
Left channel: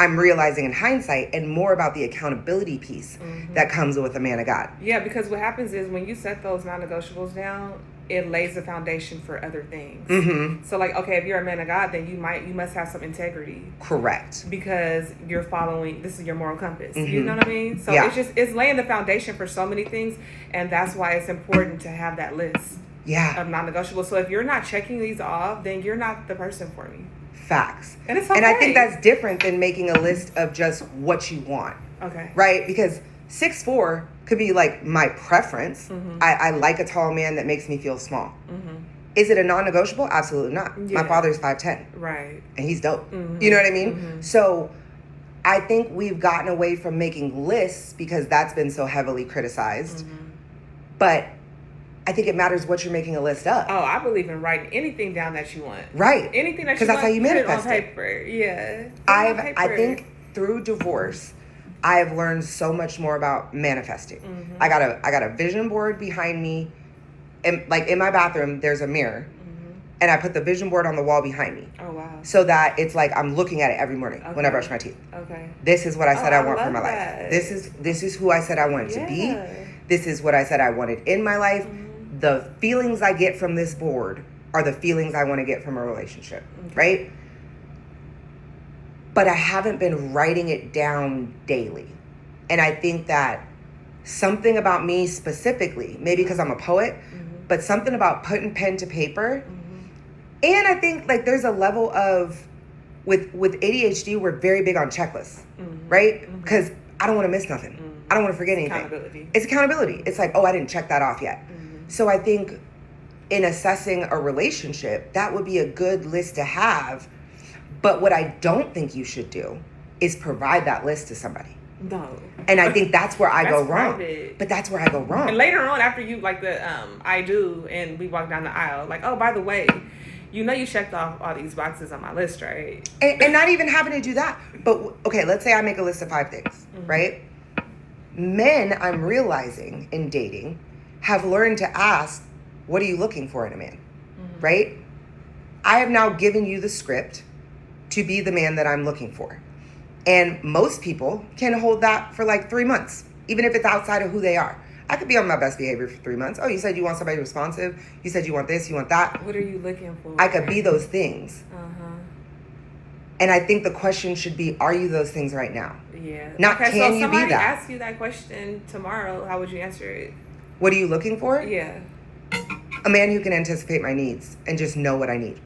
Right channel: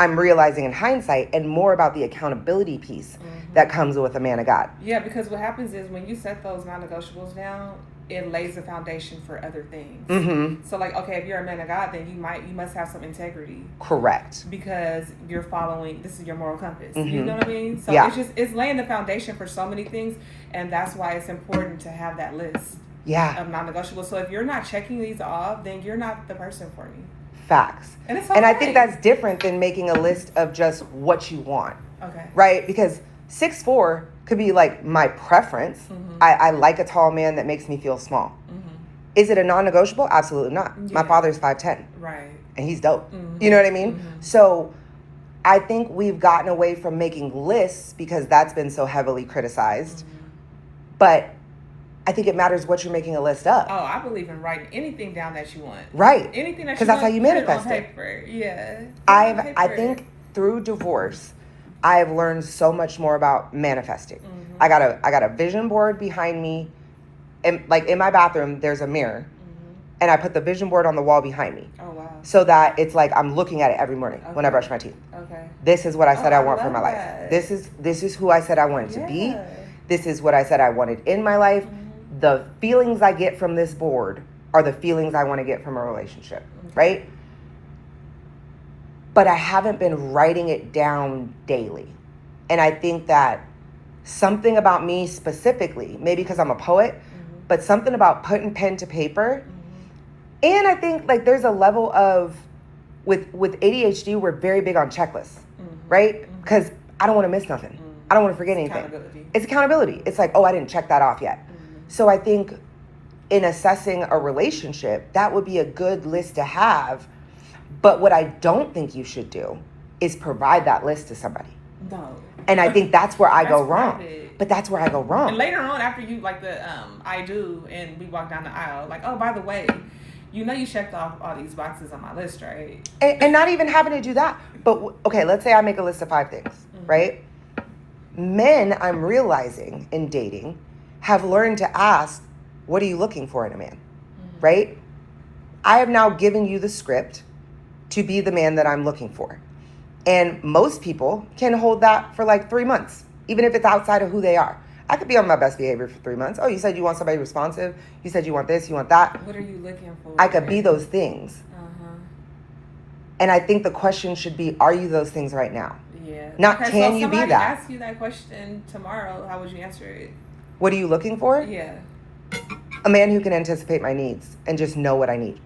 I'm realizing in hindsight, and more about the accountability piece that comes with a man of God. Yeah, because what happens is when you set those non-negotiables down, it lays the foundation for other things. So like, okay, if you're a man of God, then you must have some integrity. Correct. Because you're following, this is your moral compass. You know what I mean? So Yeah. it's laying the foundation for so many things, and that's why it's important to have that list Yeah. of non-negotiables. So if you're not checking these off, then you're not the person for me. Facts. And it's okay. And I think that's different than making a list of just what you want. Okay. Right? Because 6'4" could be like my preference. I like a tall man that makes me feel small. Is it a non-negotiable? Absolutely not. Yeah. My father's 5'10". Right. And he's dope. You know what I mean? So I think we've gotten away from making lists because that's been so heavily criticized. But I think it matters what you're making a list of. Oh, I believe in writing anything down that you want. Right. Anything that you Because that's want, how you put it manifest on it. paper. Yeah. I think through divorce, I've learned so much more about manifesting. I got a vision board behind me, and like in my bathroom, there's a mirror, and I put the vision board on the wall behind me. Oh wow. So that it's like I'm looking at it every morning when I brush my teeth. Okay. This is what I said I want for love my that. life. This is who I said I wanted to be. This is what I said I wanted in my life. The feelings I get from this board are the feelings I want to get from a relationship, right? But I haven't been writing it down daily. And I think that something about me specifically, maybe because I'm a poet, but something about putting pen to paper. And I think like there's a level of, with ADHD, we're very big on checklists, right? Because I don't want to miss nothing. I don't want to forget anything. It's accountability. It's like, oh, I didn't check that off yet. So I think in assessing a relationship, that would be a good list to have. But what I don't think you should do is provide that list to somebody. No. And I think that's where I go That's wrong. private. But that's where I go wrong. And later on, after you like the I do, and we walk down the aisle, like, oh, by the way, you know you checked off all these boxes on my list, right? And not even having to do that. But okay, let's say I make a list of 5 things, right? Men, I'm realizing in dating, have learned to ask, what are you looking for in a man, right? I have now given you the script to be the man that I'm looking for. And most people can hold that for like 3 months, even if it's outside of who they are. I could be on my best behavior for 3 months. Oh, you said you want somebody responsive. You said you want this, you want that. What are you looking for? I could be those things. And I think the question should be, are you those things right now? Yeah. Not okay, can so you be somebody that? ask you that question tomorrow, how would you answer it? What are you looking for? Yeah. A man who can anticipate my needs and just know what I need.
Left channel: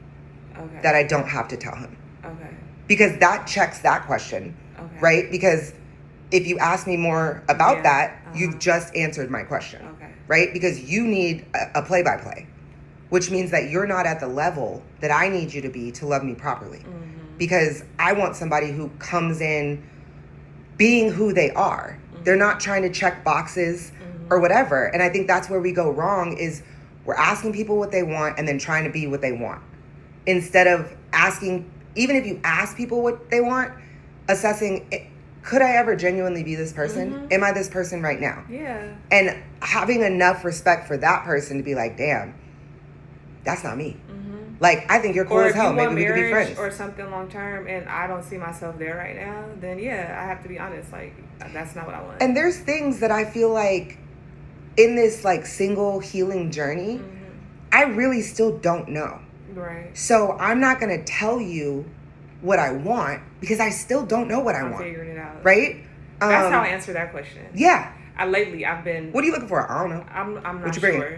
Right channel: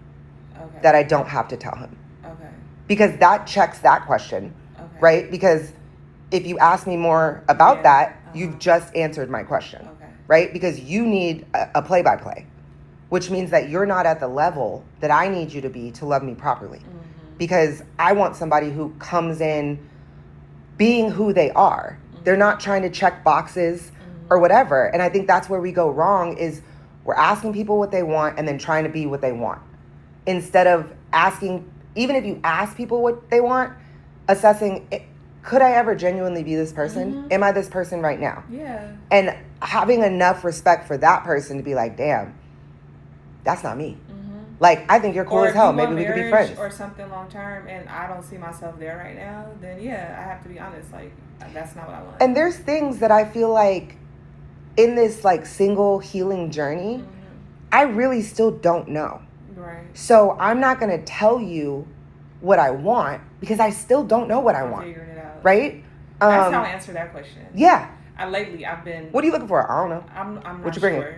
Okay. That I don't have to tell him. Okay. Because that checks that question, Okay. right? Because if you ask me more about Yeah. that, you've just answered my question, Okay. right? Because you need a play-by-play, which means that you're not at the level that I need you to be to love me properly. Because I want somebody who comes in being who they are. They're not trying to check boxes or whatever. And I think that's where we go wrong is we're asking people what they want and then trying to be what they want. Instead of asking even if you ask people what they want, assessing, could I ever genuinely be this person? Mm-hmm. Am I this person right now? Yeah. And having enough respect for that person to be like, damn, that's not me. Mm-hmm. Like, I think you're cool Or as if hell. you want Maybe we could be marriage friends. or something long term, and I don't see myself there right now, then yeah, I have to be honest. Like, that's not what I want. And there's things that I feel like in this like single healing journey, Mm-hmm. I really still don't know. Right. So I'm not going to tell you what I want because I still don't know what I I'm want. figuring it out. Right? That's how I answer that question. Yeah. Lately, I've been. What are you looking for? I don't know. I'm not what you bringing? sure.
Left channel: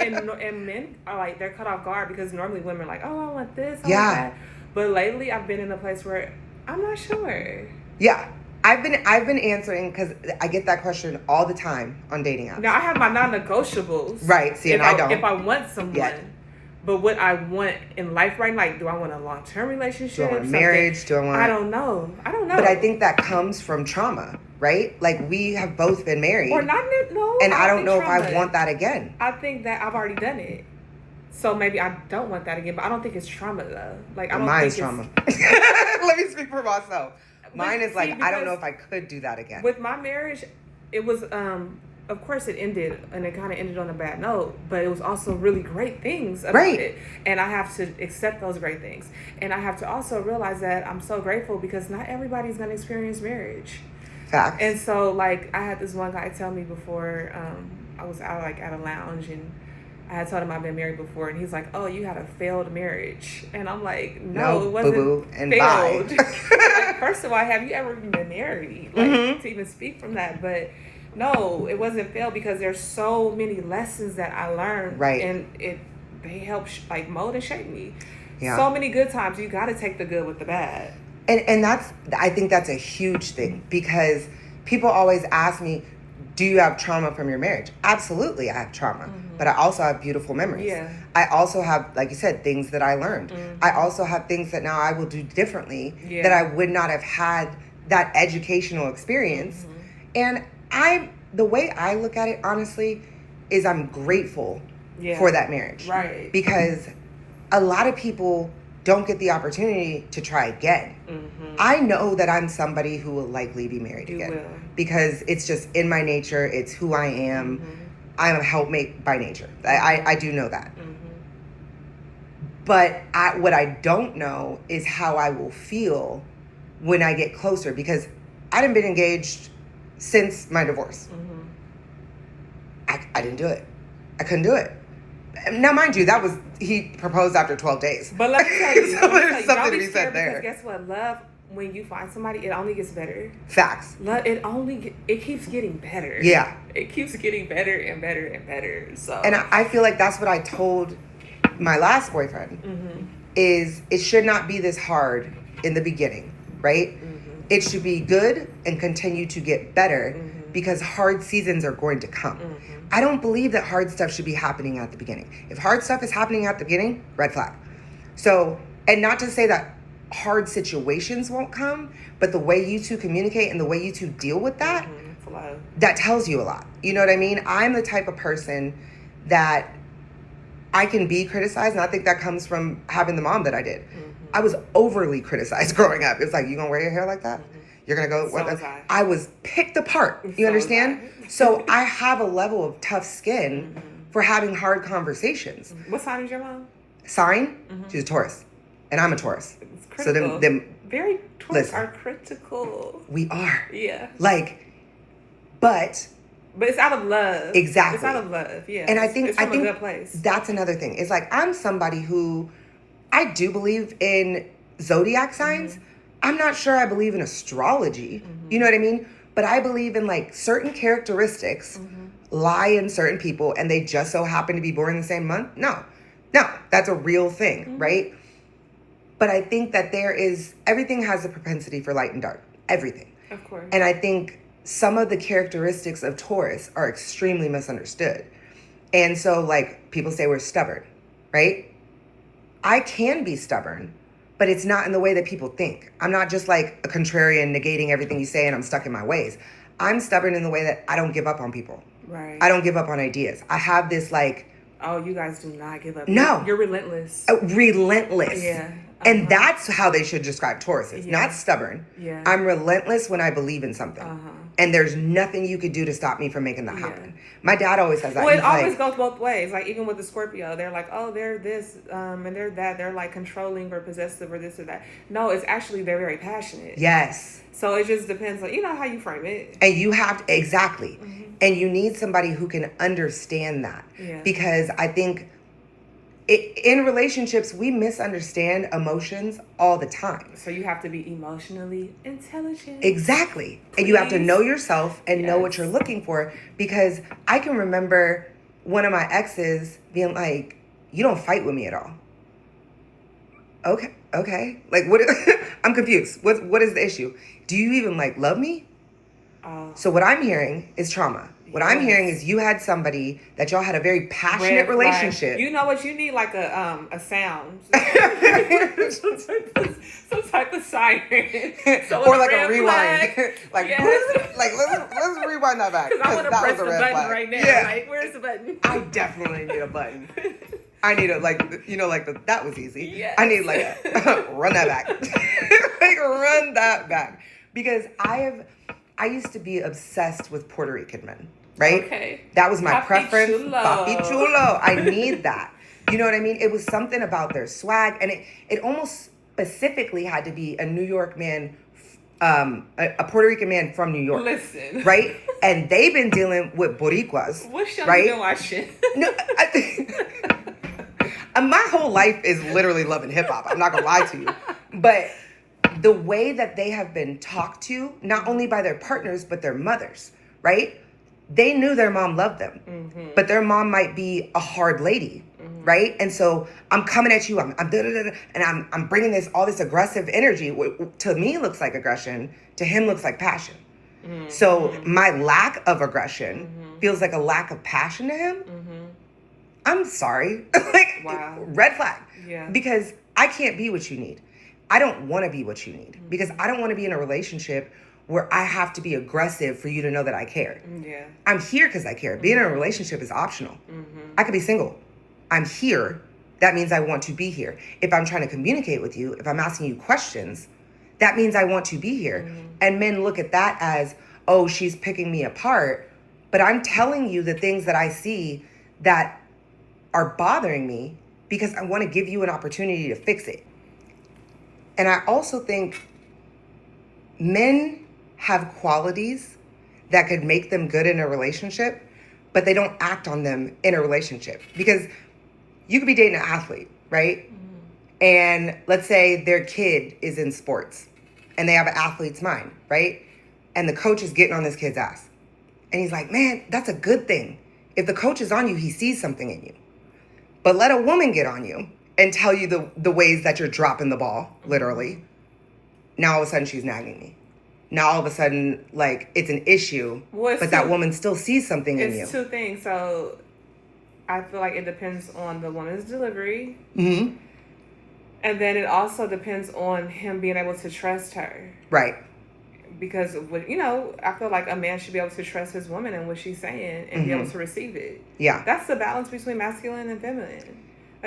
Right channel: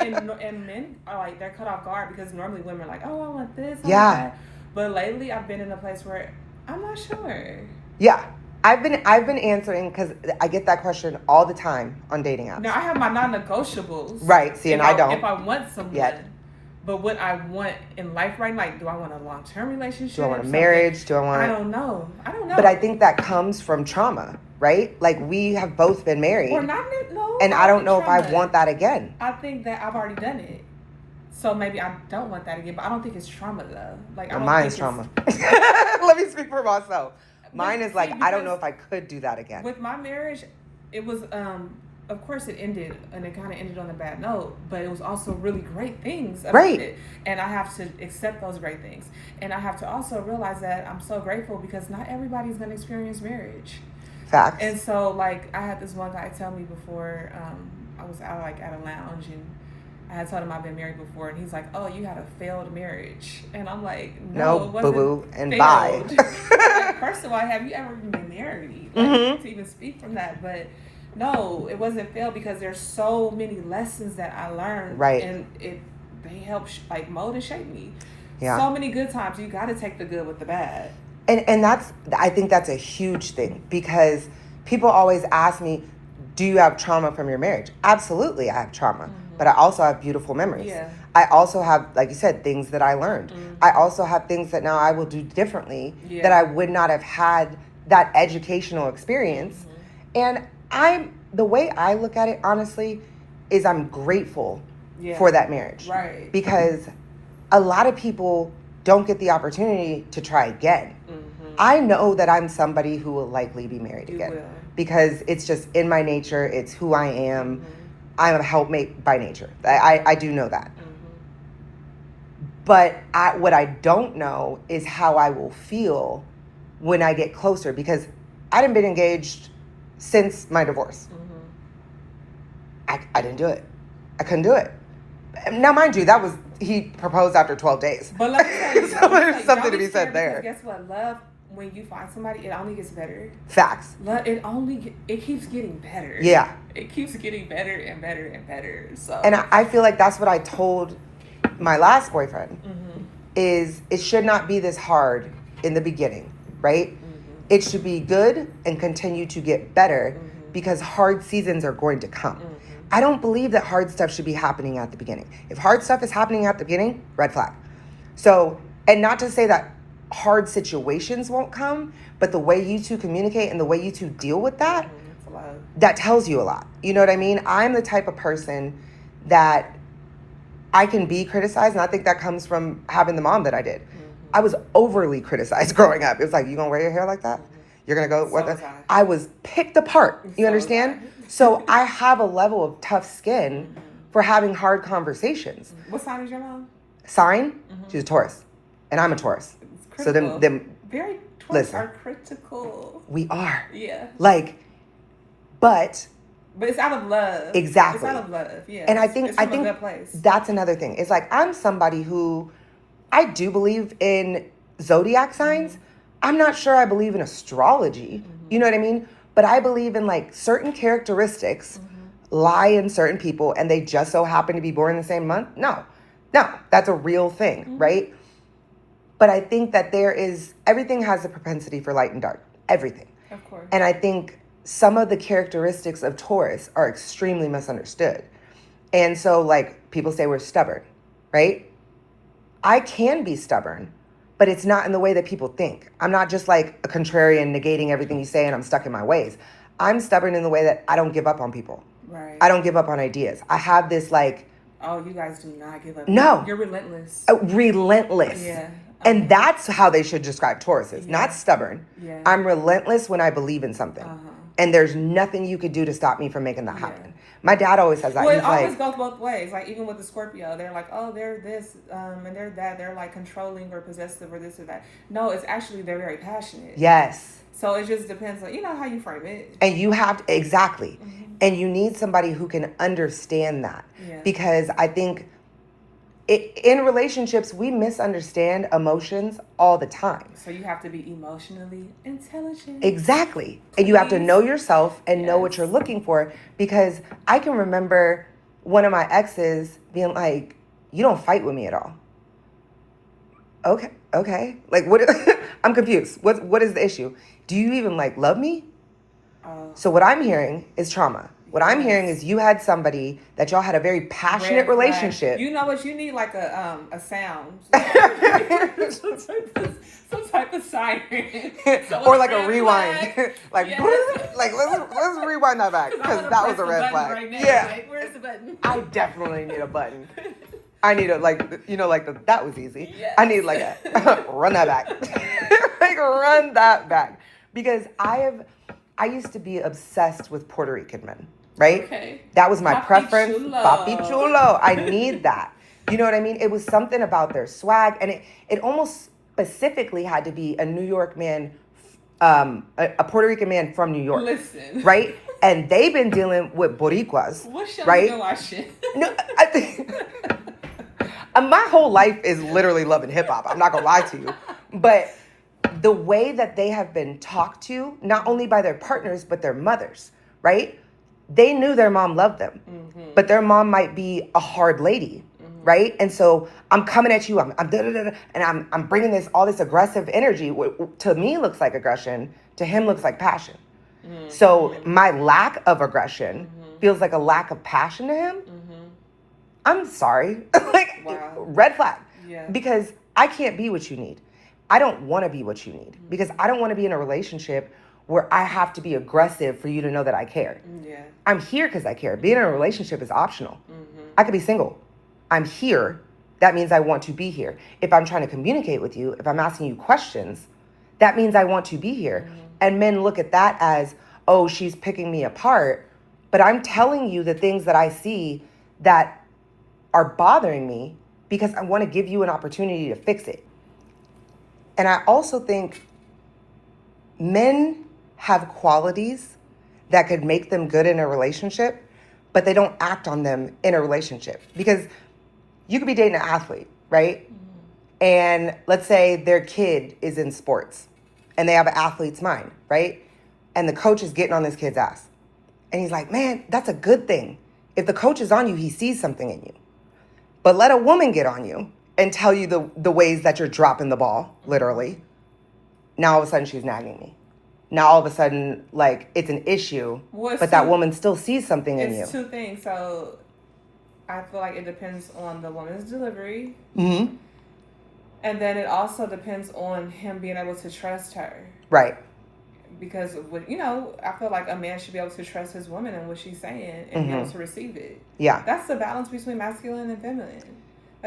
and men are like, they're caught off guard because normally women are like, oh, I want this, I want that. But lately, I've been in a place where I'm not sure. Yeah. I've been answering because I get that question all the time on dating apps. Now I have my non-negotiables. Right. See, and I don't. If I want someone. Yeah. But what I want in life right now, like, do I want a long-term relationship? Do I want a marriage? Do I want? I don't know. But I think that comes from trauma, right? Like, we have both been married. Or not, no. And I don't know if I want that again. I think that I've already done it. So maybe I don't want that again, but I don't think it's trauma though. Like, I don't Mine's think trauma. Let me speak for myself. Mine is see, like, I don't know if I could do that again. With my marriage, it was, of course it ended, and it kind of ended on a bad note, but it was also really great things about it. And I have to accept those great things. And I have to also realize that I'm so grateful because not everybody's going to experience marriage. Facts. And so, like, I had this one guy tell me before, I was out, like, at a lounge, and I had told him I've been married before, and he's like, oh, you had a failed marriage. And I'm like, no, it wasn't boo-boo, and failed. bye. Like, first of all, have you ever even been married? Like, to even speak from that. But no, it wasn't failed because there's so many lessons that I learned. Right. And they help, like, mold and shape me. Yeah. So many good times. You got to take the good with the bad. And I think that's a huge thing because people always ask me, do you have trauma from your marriage? Absolutely, I have trauma, but I also have beautiful memories. Yeah. I also have, like you said, things that I learned. I also have things that now I will do differently that I would not have had that educational experience. And the way I look at it, honestly, is I'm grateful for that marriage. Right. Because a lot of people don't get the opportunity to try again. I know that I'm somebody who will likely be married again. Will. Because it's just in my nature. It's who I am. I'm a helpmate by nature. I do know that. But what I don't know is how I will feel when I get closer. Because I hadn't been engaged since my divorce. I didn't do it. I couldn't do it. Now, mind you, he proposed after 12 days. But let me tell you, So there's something don't to be be said scared there. because guess what? Love, when you find somebody, it only gets better. Facts. Love, it keeps getting better. Yeah. It keeps getting better and better and better. So. And I feel like that's what I told my last boyfriend, is it should not be this hard in the beginning, right? It should be good and continue to get better because hard seasons are going to come. I don't believe that hard stuff should be happening at the beginning. If hard stuff is happening at the beginning, red flag. So, and not to say that hard situations won't come, but the way you two communicate and the way you two deal with that, that tells you a lot. You know what I mean? I'm the type of person that I can be criticized, and I think that comes from having the mom that I did. I was overly criticized growing up. It's like, you gonna wear your hair like that? You're gonna go? So I was picked apart. You understand? So I have a level of tough skin for having hard conversations. What sign is your mom? Sign? She's a Taurus, and I'm a Taurus. It's critical. So them very Taurus are critical. We are. Yeah. Like, but it's out of love. Exactly. It's out of love. Yeah. And I it's think from a good place. That's another thing. It's like, I'm somebody who, I do believe in zodiac signs. I'm not sure I believe in astrology. You know what I mean? But I believe in like certain characteristics lie in certain people and they just so happen to be born the same month. No, that's a real thing, right? But I think that everything has a propensity for light and dark. Everything. Of course. And I think some of the characteristics of Taurus are extremely misunderstood. And so, like, people say we're stubborn, right? I can be stubborn, but it's not in the way that people think. I'm not just like a contrarian negating everything you say and I'm stuck in my ways. I'm stubborn in the way that I don't give up on people. Right. I don't give up on ideas. I have this like... Oh, you guys do not give up. No. You're relentless. Relentless. Yeah. And that's how they should describe Tauruses, not stubborn. Yeah. I'm relentless when I believe in something. And there's nothing you could do to stop me from making that happen. My dad always says that. Well, He's it always like, goes both ways. Like, even with the Scorpio, they're like, oh, they're this, and they're that. They're like controlling or possessive or this or that. No, it's actually, they're very passionate. yes. So it just depends on, how you frame it. And you have to, exactly. And you need somebody who can understand that. Yeah. Because I think in relationships, we misunderstand emotions all the time. So you have to be emotionally intelligent. Exactly. And you have to know yourself and know what you're looking for. Because I can remember one of my exes being like, you don't fight with me at all. Okay. Like, what? I'm confused. What is the issue? Do you even love me? So what I'm hearing is trauma. What I'm hearing is you had somebody that y'all had a very passionate relationship. You know what? You need like a sound. some type of siren. So or like a rewind. Yes. let's rewind that back. Because I want to that press was a the red button flag. right now. Yeah. Like, where's the button? I definitely need a button. I need that was easy. Yes. I need run that back. Run that back. Because I used to be obsessed with Puerto Rican men, right? Okay. That was my Papi preference. chulo. Papi chulo. I need that. You know what I mean? It was something about their swag, and it almost specifically had to be a New York man, a Puerto Rican man from New York. Listen. Right? And they've been dealing with Boricuas. What show right? you been watching? No, my whole life is literally loving hip hop. I'm not gonna lie to you, but the way that they have been talked to, not only by their partners but their mothers, right? They knew their mom loved them, but their mom might be a hard lady, right? And so I'm coming at you, I'm and I'm bringing all this aggressive energy. What to me looks like aggression, to him looks like passion. So my lack of aggression feels like a lack of passion to him. I'm sorry. Wow. Red flag. Yeah. Because I can't be what you need. I don't want to be what you need. Because I don't want to be in a relationship where I have to be aggressive for you to know that I care. Yeah. I'm here because I care. Being in a relationship is optional. I could be single. I'm here. That means I want to be here. If I'm trying to communicate with you, if I'm asking you questions, that means I want to be here. And men look at that as, oh, she's picking me apart. But I'm telling you the things that I see that are bothering me because I want to give you an opportunity to fix it. And I also think men have qualities that could make them good in a relationship, but they don't act on them in a relationship. Because you could be dating an athlete, right? And let's say their kid is in sports and they have an athlete's mind, right? And the coach is getting on this kid's ass. And he's like, man, that's a good thing. If the coach is on you, he sees something in you. But let a woman get on you and tell you the ways that you're dropping the ball, literally. Now all of a sudden she's nagging me. Now all of a sudden, it's an issue, but that woman still sees something in you. It's two things. So I feel like it depends on the woman's delivery. Mm-hmm. And then it also depends on him being able to trust her. Right. Because, I feel like a man should be able to trust his woman and what she's saying and be able to receive it. Yeah. That's the balance between masculine and feminine.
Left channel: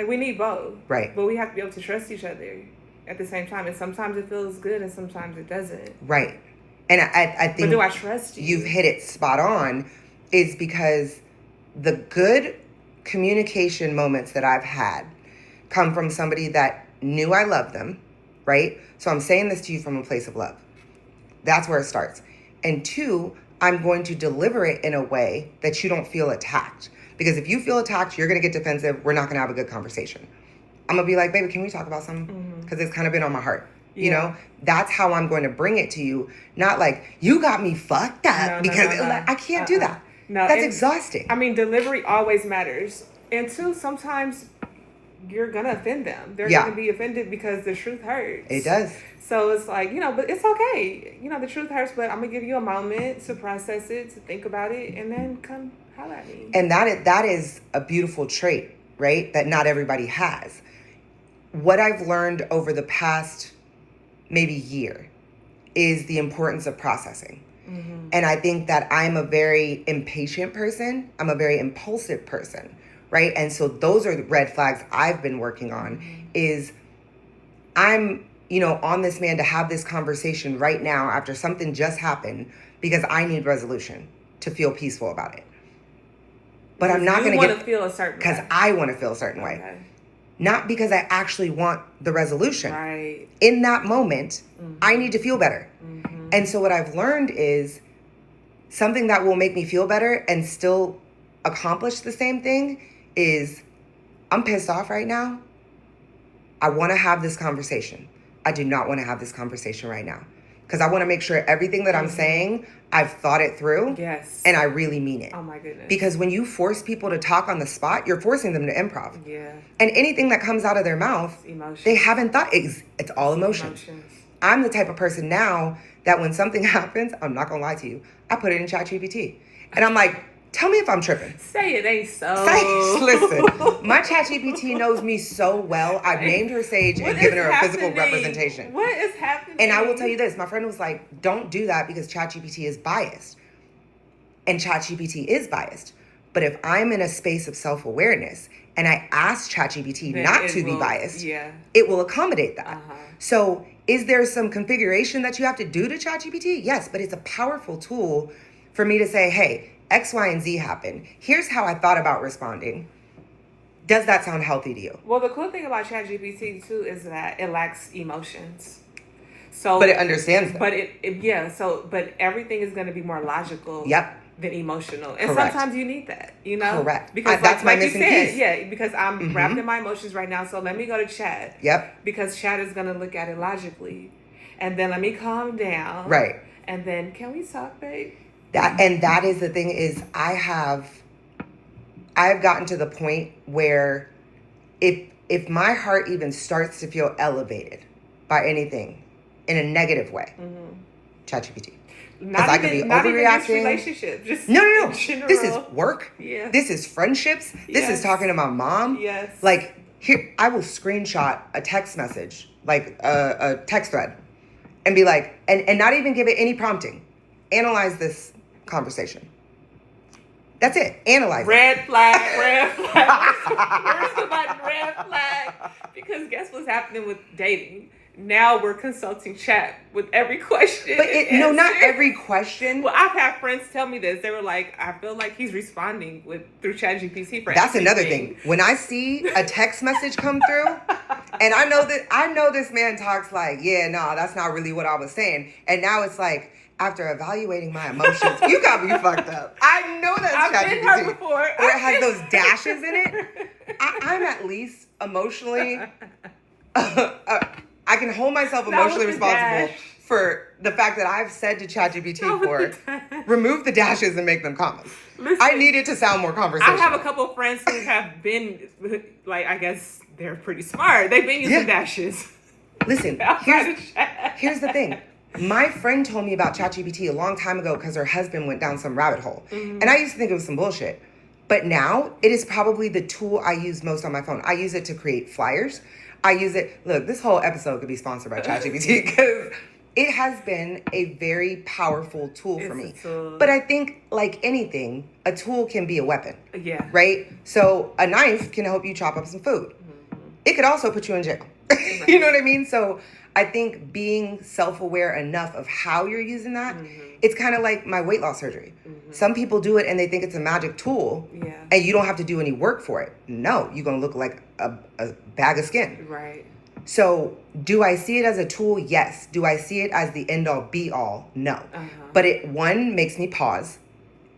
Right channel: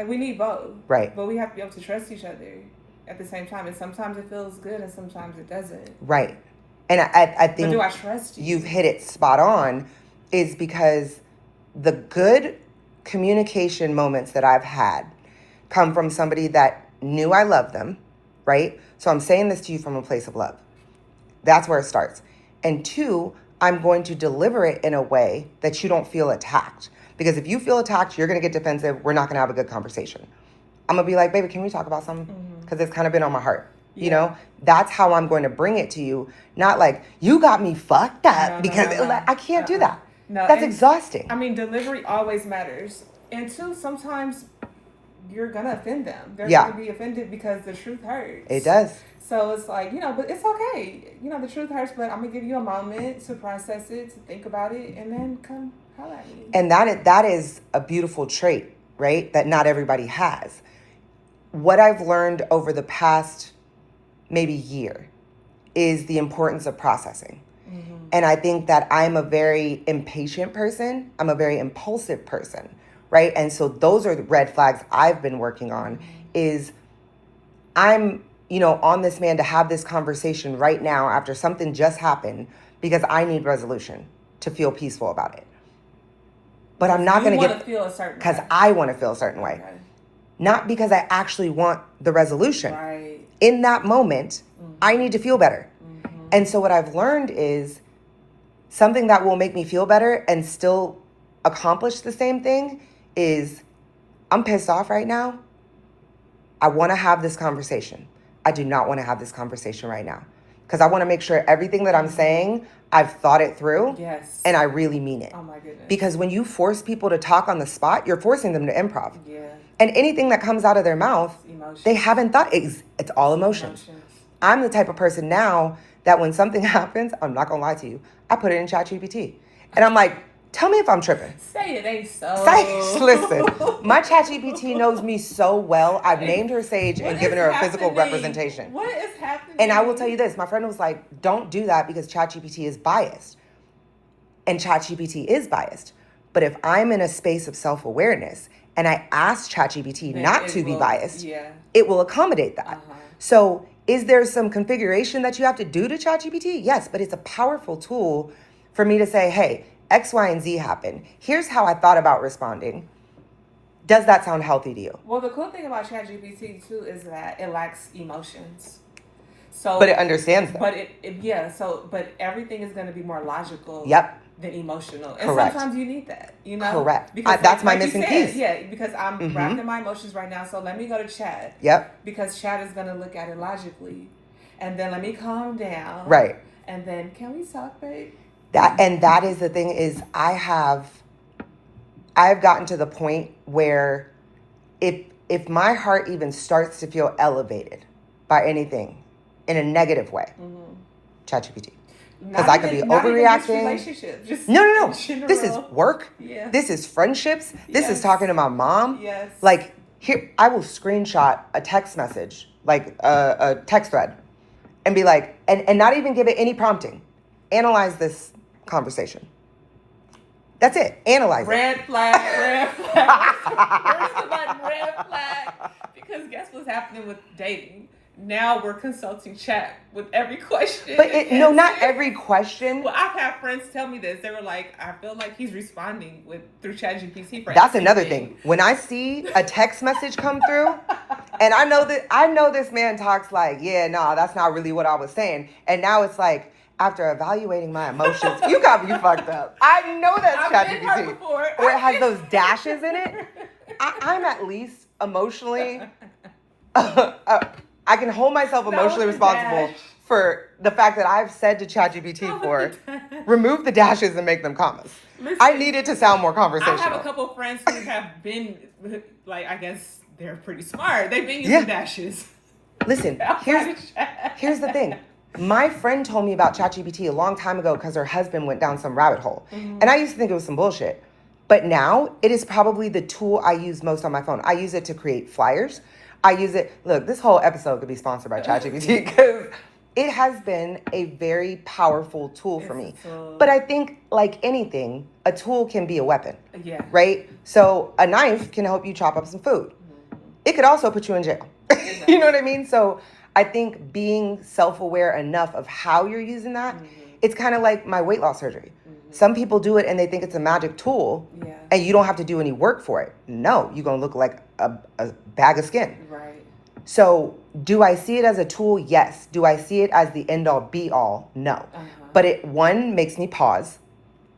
We need both. Right. But we have to be able to trust each other at the same time. And sometimes it feels good and sometimes it doesn't. Right. And I think... But do I trust you? You've hit it spot on, is because the good communication moments that I've had come from somebody that knew I loved them, right? So I'm saying this to you from a place of love. That's where it starts. And two, I'm going to deliver it in a way that you don't feel attacked. Because if you feel attacked, you're going to get defensive. We're not going to have a good conversation. I'm going to be like, baby, can we talk about something? Because it's kind of been on my heart. Yeah. You know, that's how I'm going to bring it to you. Not like, you got me fucked up. Because I can't do that. No, that's exhausting. I mean, delivery always matters. And two, sometimes you're going to offend them. They're going to be offended because the truth hurts. It does. So it's but it's okay. The truth hurts, but I'm going to give you a moment to process it, to think about it, and then come holler at me. And that is a beautiful trait, right? That not everybody has. What I've learned over the past maybe year is the importance of processing. Mm-hmm. And I think that I'm a very impatient person. I'm a very impulsive person, right? And so those are the red flags I've been working on is I'm, on this man to have this conversation right now after something just happened because I need resolution to feel peaceful about it. But I'm not going to feel a certain way. Because I want to feel a certain way. Not because I actually want the resolution. Right. In that moment, I need to feel better. And so what I've learned is something that will make me feel better and still accomplish the same thing is I'm pissed off right now. I want to have this conversation. I do not want to have this conversation right now because I want to make sure everything that I'm saying, I've thought it through. Yes. And I really mean it. Oh my goodness. Because when you force people to talk on the spot, you're forcing them to improv. Yeah. And anything that comes out of their mouth, they haven't thought. It's all emotions. I'm the type of person now that when something happens, I'm not going to lie to you, I put it in ChatGPT. And I'm like, tell me if I'm tripping. Say it ain't so. Listen, my ChatGPT knows me so well. I've named her Sage and given her a physical representation. What is happening? And I will tell you this. My friend was like, don't do that because ChatGPT is biased. And ChatGPT is biased. But if I'm in a space of self-awareness and I ask ChatGPT not to be biased, it will accommodate that. So is there some configuration that you have to do to ChatGPT? Yes, but it's a powerful tool for me to say, hey, X, Y, and Z happened. Here's how I thought about responding. Does that sound healthy to you? Well, the cool thing about ChatGPT too is that it lacks emotions. So, but it understands them. But but everything is going to be more logical. Yep. Than emotional, and Correct. Sometimes you need that. Correct. Because that's my missing piece. Yeah, because I'm wrapped in my emotions right now. So let me go to Chat. Yep. Because Chat is going to look at it logically, and then let me calm down. Right. And then can we talk, babe? That is the thing is I've gotten to the point where if my heart even starts to feel elevated by anything in a negative way, ChatGPT. Because I could be overreacting. Just no. This is work. Yeah. This is friendships. This is talking to my mom. Yes. Like here, I will screenshot a text message, like a text thread, and be like, and not even give it any prompting. Analyze this conversation. That's it. Analyze. Red flag. Where's the button? Red flag. Because guess what's happening with dating? Now we're consulting Chat with every question. But not every question. Well, I've had friends tell me this. They were like, I feel like he's responding through ChatGPT. That's another thing. When I see a text message come through, and I know this man talks like, that's not really what I was saying. And now it's like, after evaluating my emotions, you got me fucked up. I know that's I've been hurt before. Or it has those dashes in it. I'm at least emotionally... I can hold myself emotionally responsible for the fact that I've said to ChatGPT remove the dashes and make them commas. Listen, I need it to sound more conversational. I have a couple of friends who have been, like, I guess they're pretty smart. They've been using dashes. Listen, here's the thing. My friend told me about ChatGPT a long time ago because her husband went down some rabbit hole. And I used to think it was some bullshit. But now, it is probably the tool I use most on my phone. I use it to create flyers. I use it. Look, this whole episode could be sponsored by ChatGPT because it has been a very powerful tool for me. But I think, like anything, a tool can be a weapon. Yeah. Right? So a knife can help you chop up some food. It could also put you in jail. You know what I mean? So I think being self-aware enough of how you're using that, it's kind of like my weight loss surgery. Some people do it and they think it's a magic tool and you don't have to do any work for it. No, you're going to look like a bag of skin. Right. So do I see it as a tool? Yes. Do I see it as the end all be all? No. But it, one, makes me pause.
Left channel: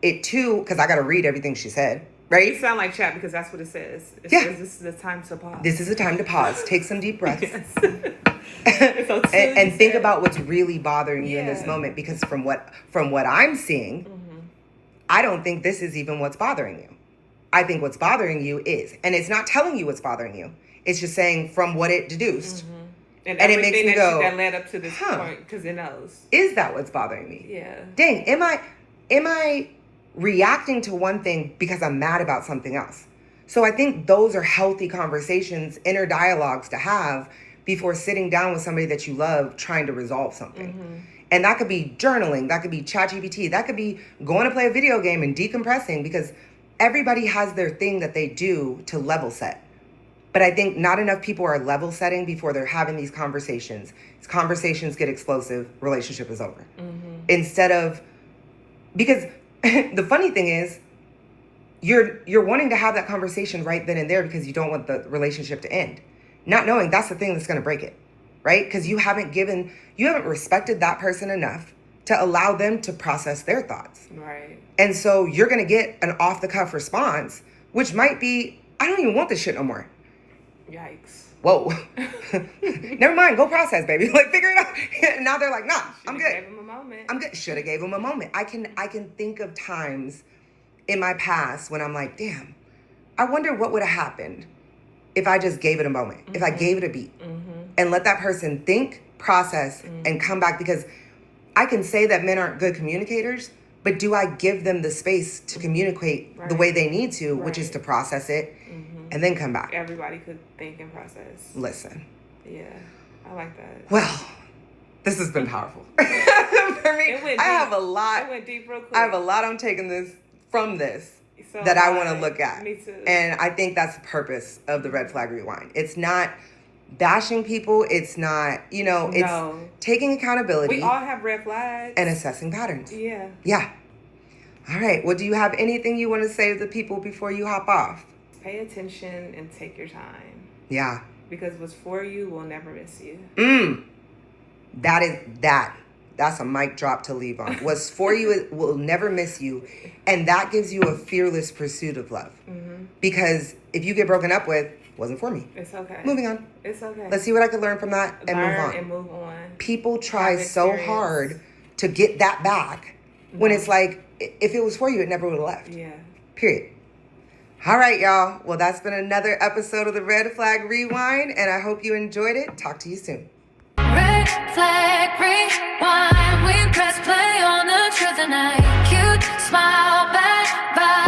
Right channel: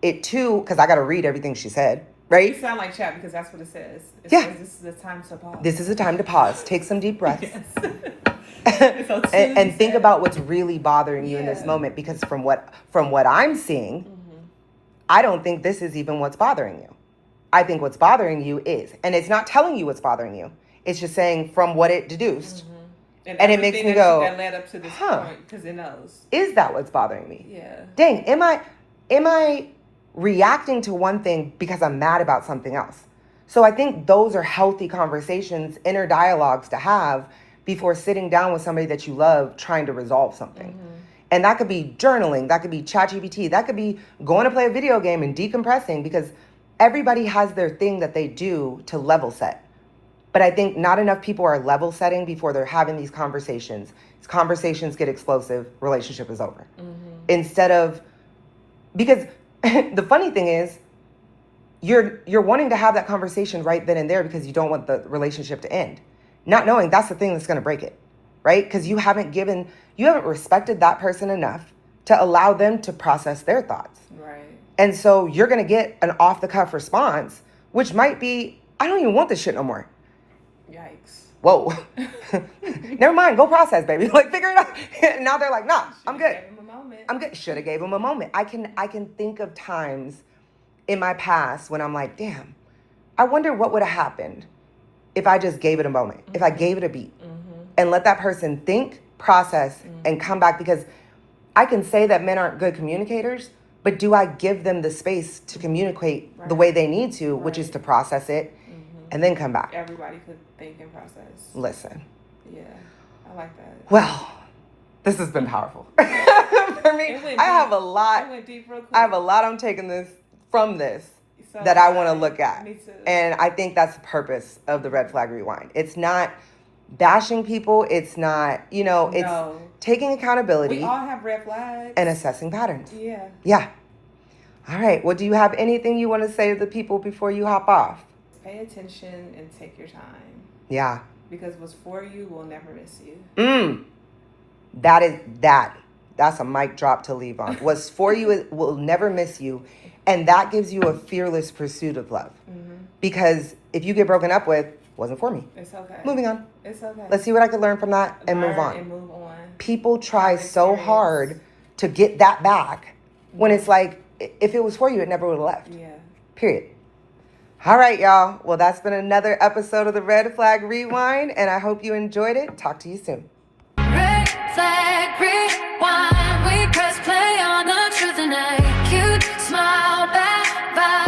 It, two, because I got to read everything she said. Right? You sound like Chat because that's what it says. It says this is the time to pause. This is the time to pause. Take some deep breaths. and think about what's really bothering you in this moment, because from what I'm seeing, I don't think this is even what's bothering you. I think what's bothering you is, and it's not telling you what's bothering you. It's just saying from what it deduced. And it makes me go, that led up to this point, because it knows. Is that what's bothering me? Yeah. Dang, am I reacting to one thing because I'm mad about something else? So I think those are healthy conversations, inner dialogues to have before sitting down with somebody that you love trying to resolve something. And that could be journaling, that could be ChatGPT, that could be going to play a video game and decompressing, because everybody has their thing that they do to level set. But I think not enough people are level setting before they're having these conversations. Conversations get explosive, relationship is over. Instead of, because the funny thing is, you're wanting to have that conversation right then and there because you don't want the relationship to end. Not knowing that's the thing that's going to break it, right? Because you haven't respected that person enough to allow them to process their thoughts. Right. And so you're going to get an off the cuff response, which might be, I don't even want this shit no more. Yikes. Whoa. Never mind. Go process, baby. Like, figure it out. And now they're like, nah, I'm good. Gave him a moment. I'm good. Should have gave him a moment. I can think of times in my past when I'm like, damn, I wonder what would have happened if I just gave it a moment, if I gave it a beat and let that person think, process, and come back. Because I can say that men aren't good communicators, but do I give them the space to communicate the way they need to, which is to process it and then come back? Everybody could think and process. Listen. Yeah, I like that. Well, this has been powerful. For me, I have a lot. It went deep real quick. I have a lot I'm taking from this So that I want to look at. Me too. And I think that's the purpose of the Red Flag Rewind. It's not bashing people. It's not, it's taking accountability. We all have red flags. And assessing patterns. Yeah. Yeah. All right. Well, do you have anything you want to say to the people before you hop off? Pay attention and take your time. Yeah. Because what's for you will never miss you. That's a mic drop to leave on. What's for you will never miss you. And that gives you a fearless pursuit of love. Because if you get broken up with, wasn't for me. It's okay. Moving on. It's okay. Let's see what I can learn from that and move on. And move on. People try so hard to get that back when it's like, if it was for you, it never would have left. Yeah. Period. All right, y'all. Well, that's been another episode of the Red Flag Rewind, and I hope you enjoyed it. Talk to you soon. Red flag rewind. We press play on the truth and I cute smile back.